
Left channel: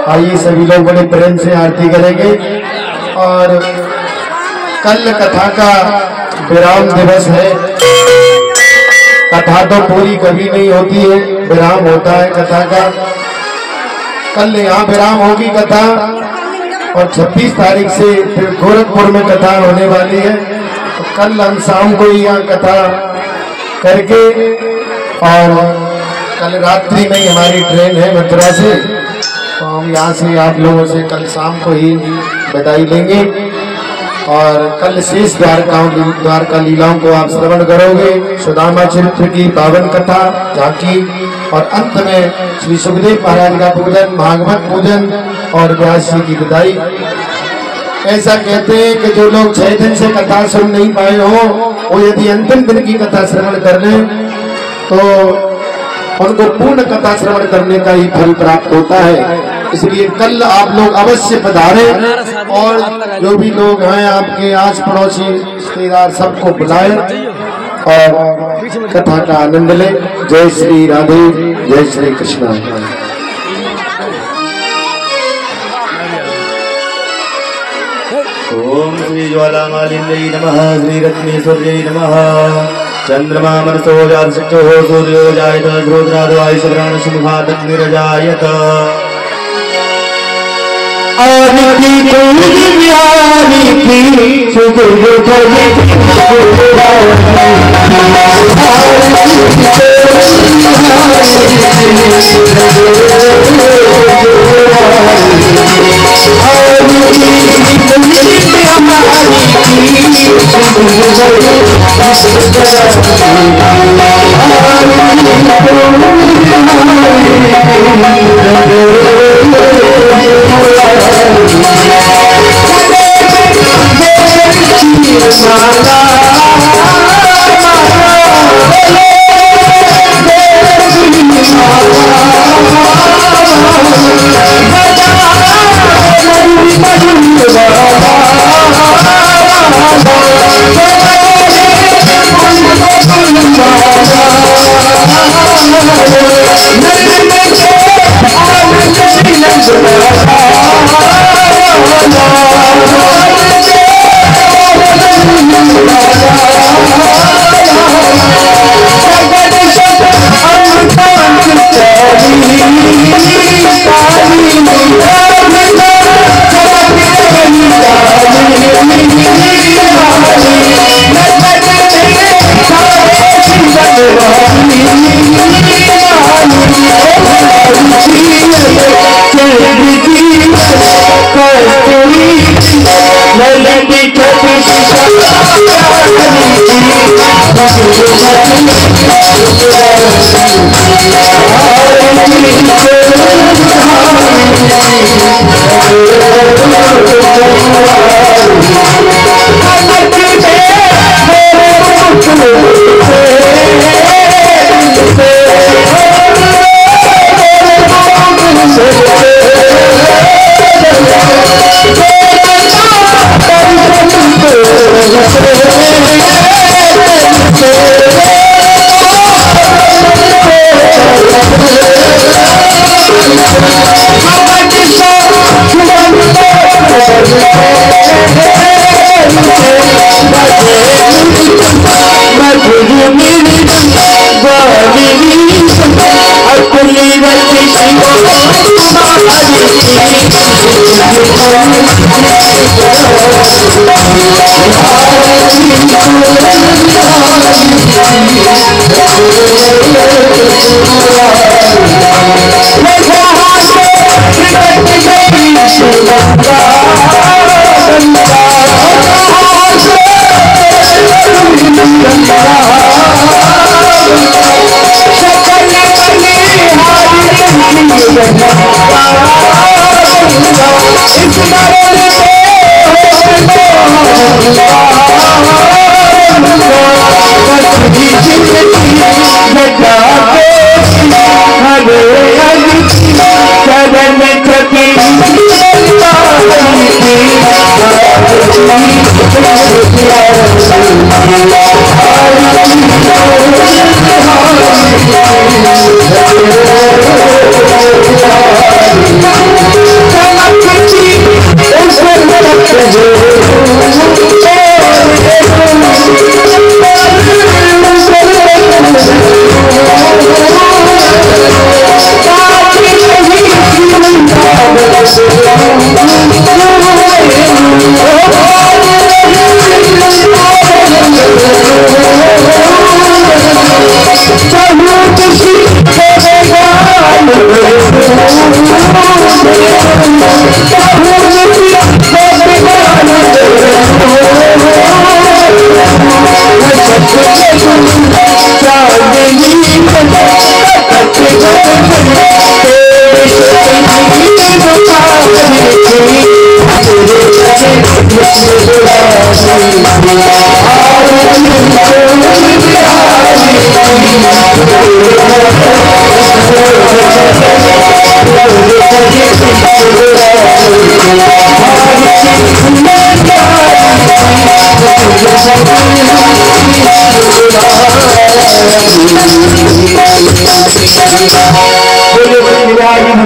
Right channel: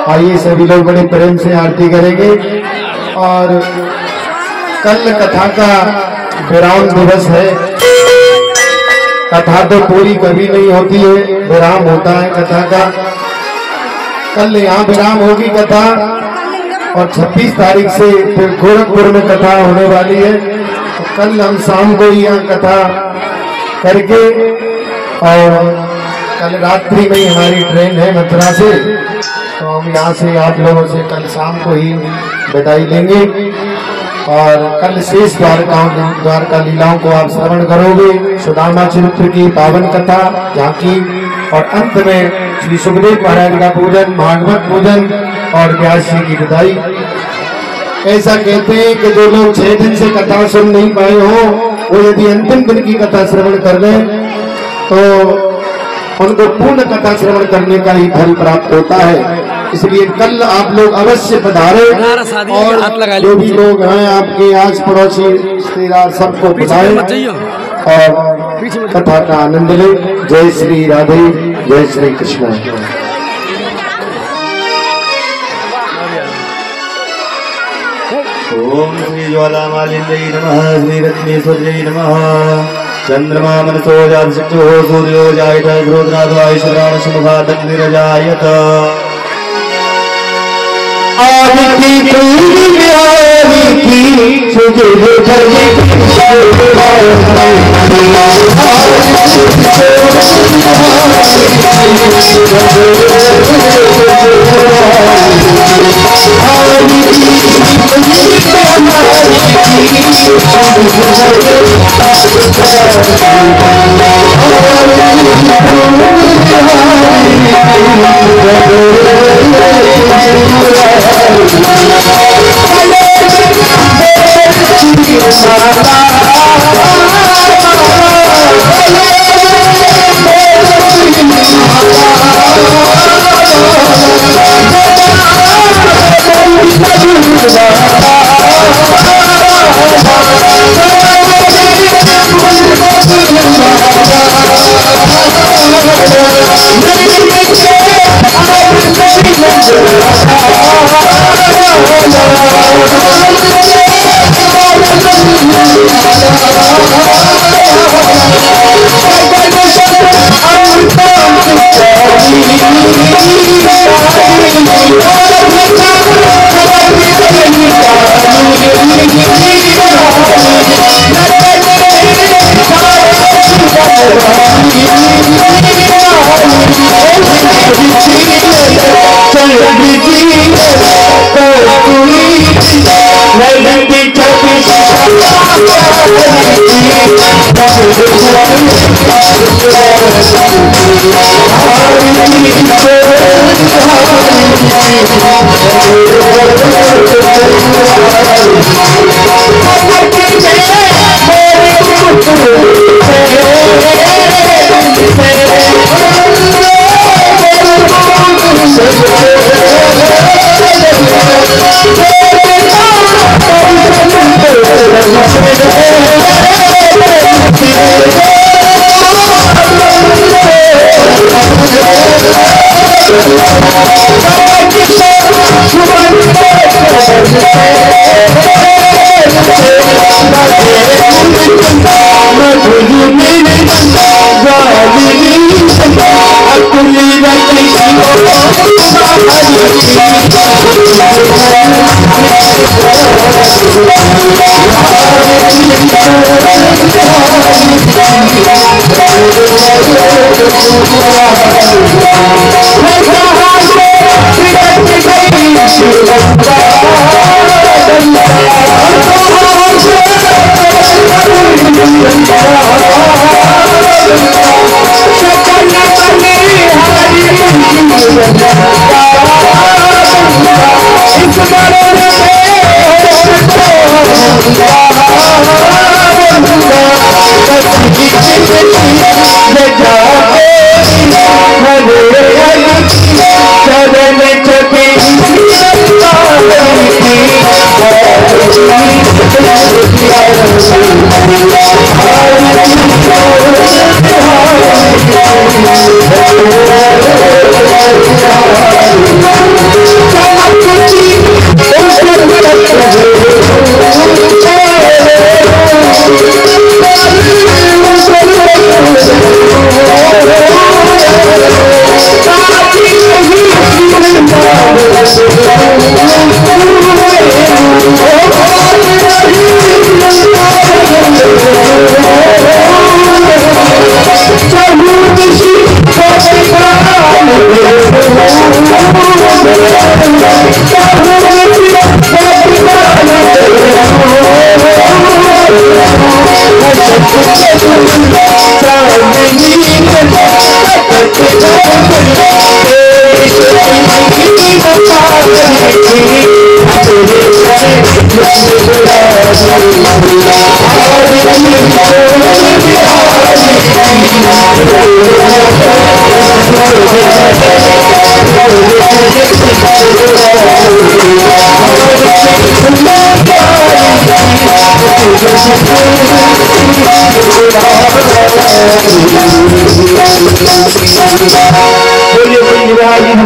आइए सभी लोग बड़े प्रेम से आरती करेंगे। और कल कथा का विराम दिवस है। कथा तो पूरी कभी नहीं होती है, विराम होता है कथा का। कल यहाँ विराम होगी कथा, और 26 तारीख से फिर गोरखपुर में कथा होने वाली है। तो कल हम शाम को ही यहाँ कथा करके, और कल रात्रि में ही हमारी ट्रेन है मथुरा से, तो हम यहाँ से आप लोगों से कल शाम को ही विदाई लेंगे। और कल शेष द्वारका लीलाओं को आप श्रवण करोगे, सुदामा चरित्र की पावन कथा झांकी, और अंत में श्री सुखदेव महाराज का पूजन, भागवत पूजन और व्यास जी की विदाई। ऐसा कहते हैं कि जो लोग 6 दिन से कथा सुन नहीं पाए हो, वो यदि अंतिम दिन की कथा श्रवण कर लें तो उनको पूर्ण कथा श्रवण करने का ही फल प्राप्त होता है। इसलिए कल आप लोग अवश्य पधारे, और जो भी लोग हैं आपके आस पड़ोसी रिश्तेदार सबको बुलाएं और कथा का आनंद लें। जय श्री राधे, जय श्री कृष्ण। Hey! ओम श्री ज्वालामालिन्यै नमः श्री रत्नेश्वर्यै नमः चंद्रमा मनसो जातसिद्धो सूर्यो जायत रुद्राद्वायुश्रावणसमुखात् अग्निरजायत आदिति आदिति सुदेव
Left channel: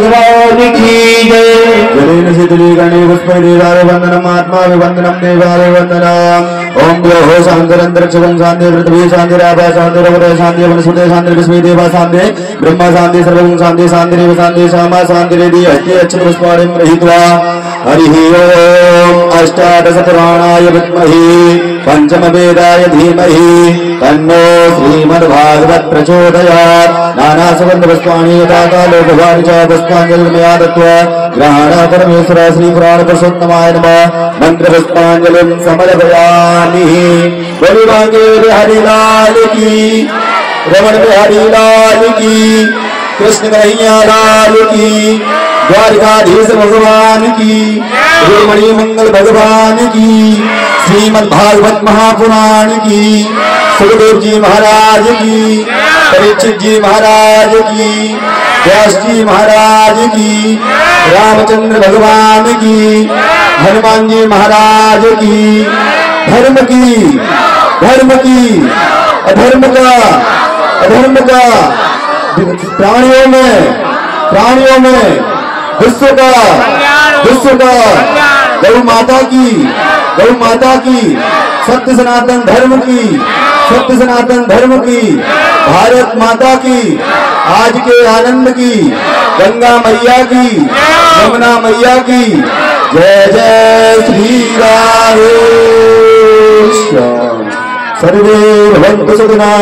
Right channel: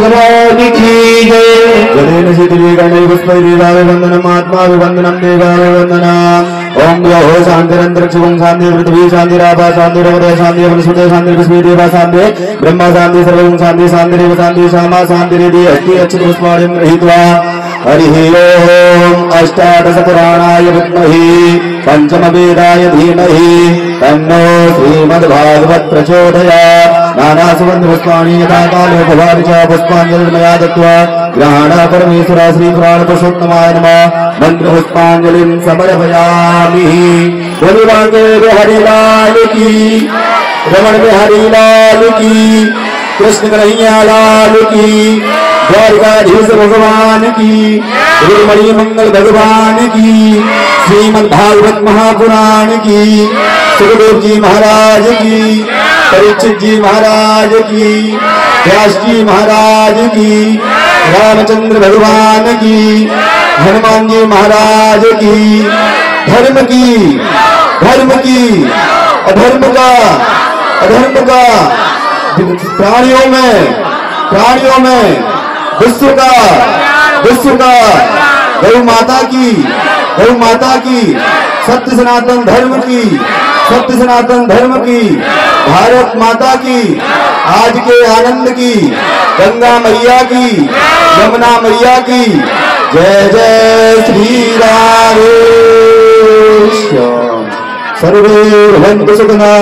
भगवान की जय। जलेन शीतले गणे पुष्पै देवाय वंदनम आत्मा वंदनम देवाय वंदनम। ओम ग्रहो शांतिरंतरिक्षं शांति पृथ्वी शांतिरापा शांतिरवरे शांति वनस्पते शांति पुष्पे देवा शांति ब्रह्मा शांति सर्वं शांति शांतिरेव शांति श्यामा शांतिरेदि अस्ति अच्युत पुष्पाणिं गृहीत्वा हरिः ओम अष्टादश पुराणाय विद्महे पंचम वेदाय धीमहि तन्नो श्रीमद्भागवत प्रचोदयात्। नाना सुगंध पुष्पाणि यथा काले भवानि च पुष्पाञ्जलिर्मया दत्त्वा ग्रहाण परमेश्वर श्री पुराण पुरुषोत्तमाय नमः। मंत्र पुष्पाञ्जलिं समर्पयामि। बोलो राघव हरि लाल की, रमण बिहारी लाल की, कृष्ण कन्हैया लाल की, द्वारकाधीश भगवान की, श्रीमणि मंगल भगवान की, श्रीमद् भागवत महापुराण की, सुखदेव जी महाराज की, परीक्षित जी महाराज की, व्यास जी महाराज की, रामचंद्र भगवान की, हनुमान जी महाराज की, धर्म की, अधर्म का प्राणियों में विश्व का गौ माता की सत्य सनातन धर्म की भारत माता की, आज के आनंद की, गंगा मैया की, यमुना मैया की, जय जय श्री राम। सर्वे भवन्तु सुखिनः,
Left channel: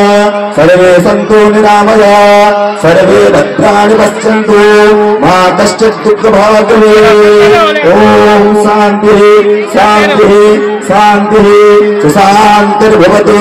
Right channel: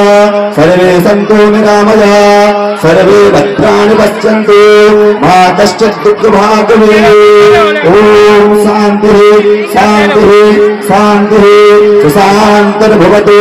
सर्वे सन्तु निरामयाः, सर्वे भद्राणि पश्यन्तु, मा कश्चित् दुःखभाग् भवेत्। ओम शान्तिः शान्तिः शान्तिः सुशान्तिर्भवतु।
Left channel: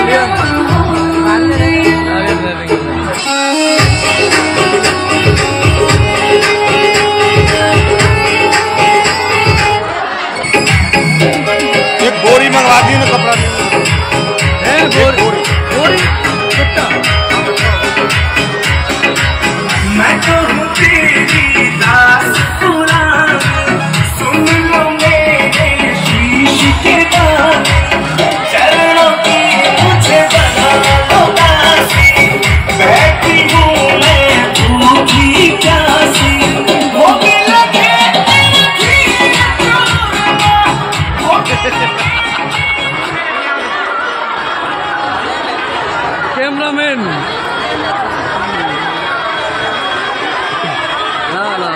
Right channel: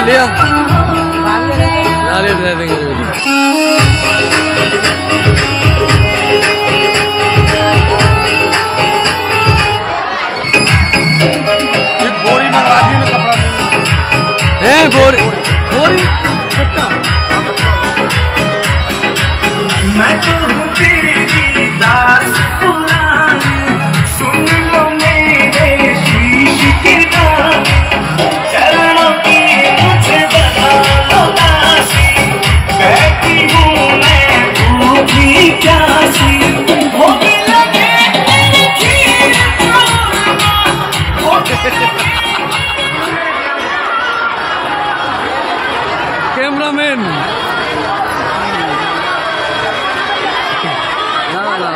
कर लिया आगे दे देंगे। बोरी में आदमी ने कपड़ा बोरी बोरी कितना मैं तो हूँ तेरी दास पुरानी, सुन लो मेरे शीश के दाग, चरणों की मुझे बना लो दासी, बैठी हूँ मैं भूखी प्यासी, वो भी लगे तेरी कैमरामैन ना ना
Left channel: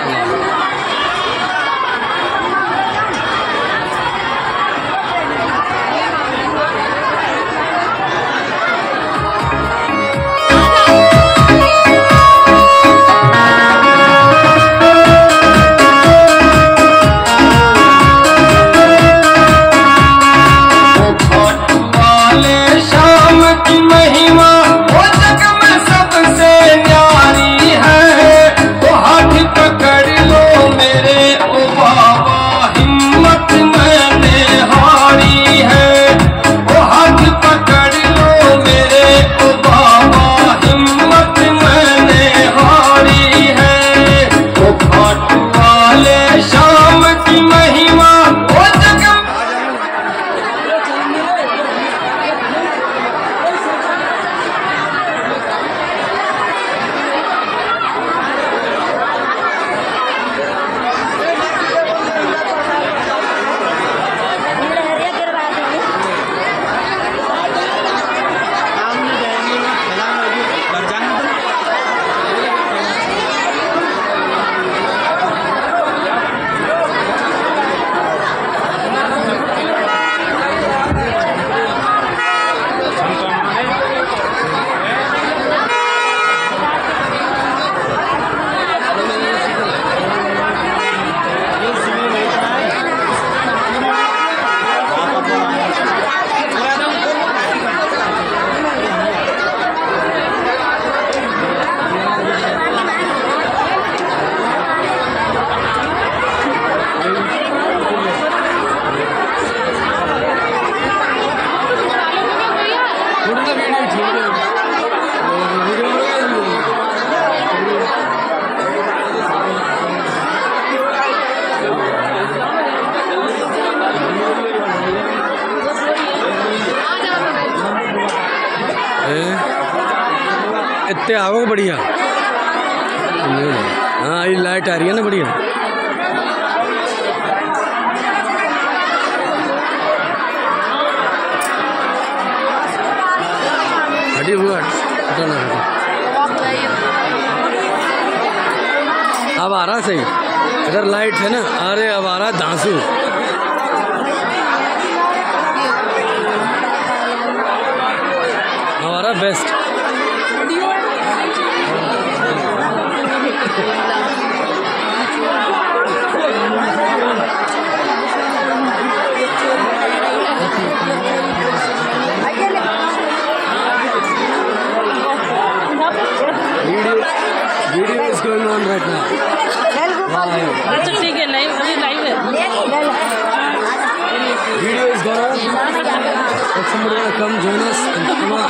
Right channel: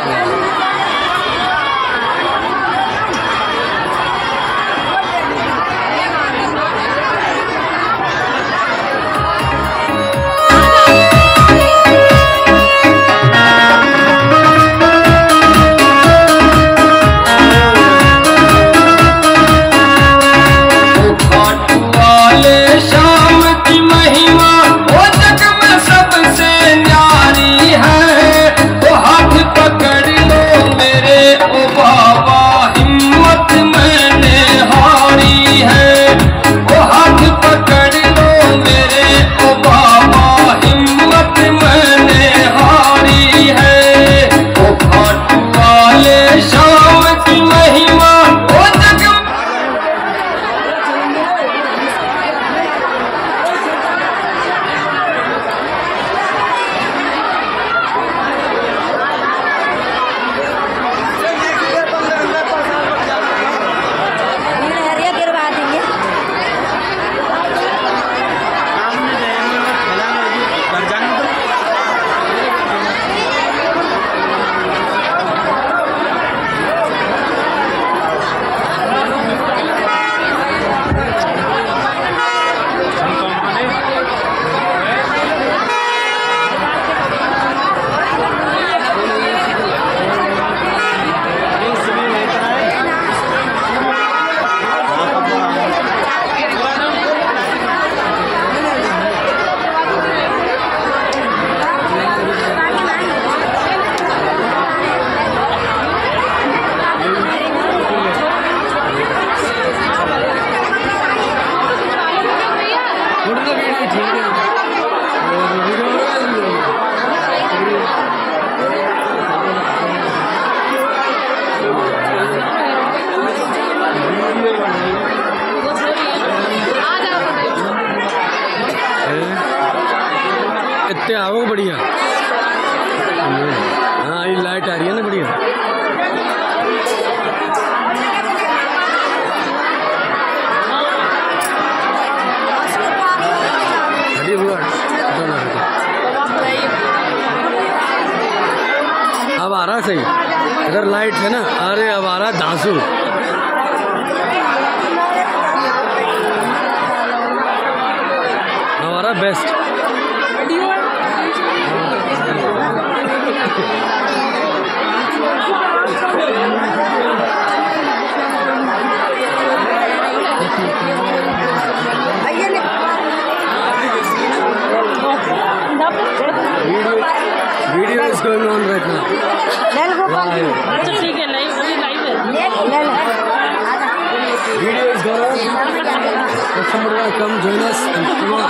इतने आवक बढ़िया। हाँ ये लाइट आ रही है ना बढ़िया। अब आ रहा सही, इधर लाइट है ना। अरे अब आ रहा धांसू। हमारा best video is going on right now. ठीक है, नहीं लाइव है। Video is going on. If somebody want to come join us, come on.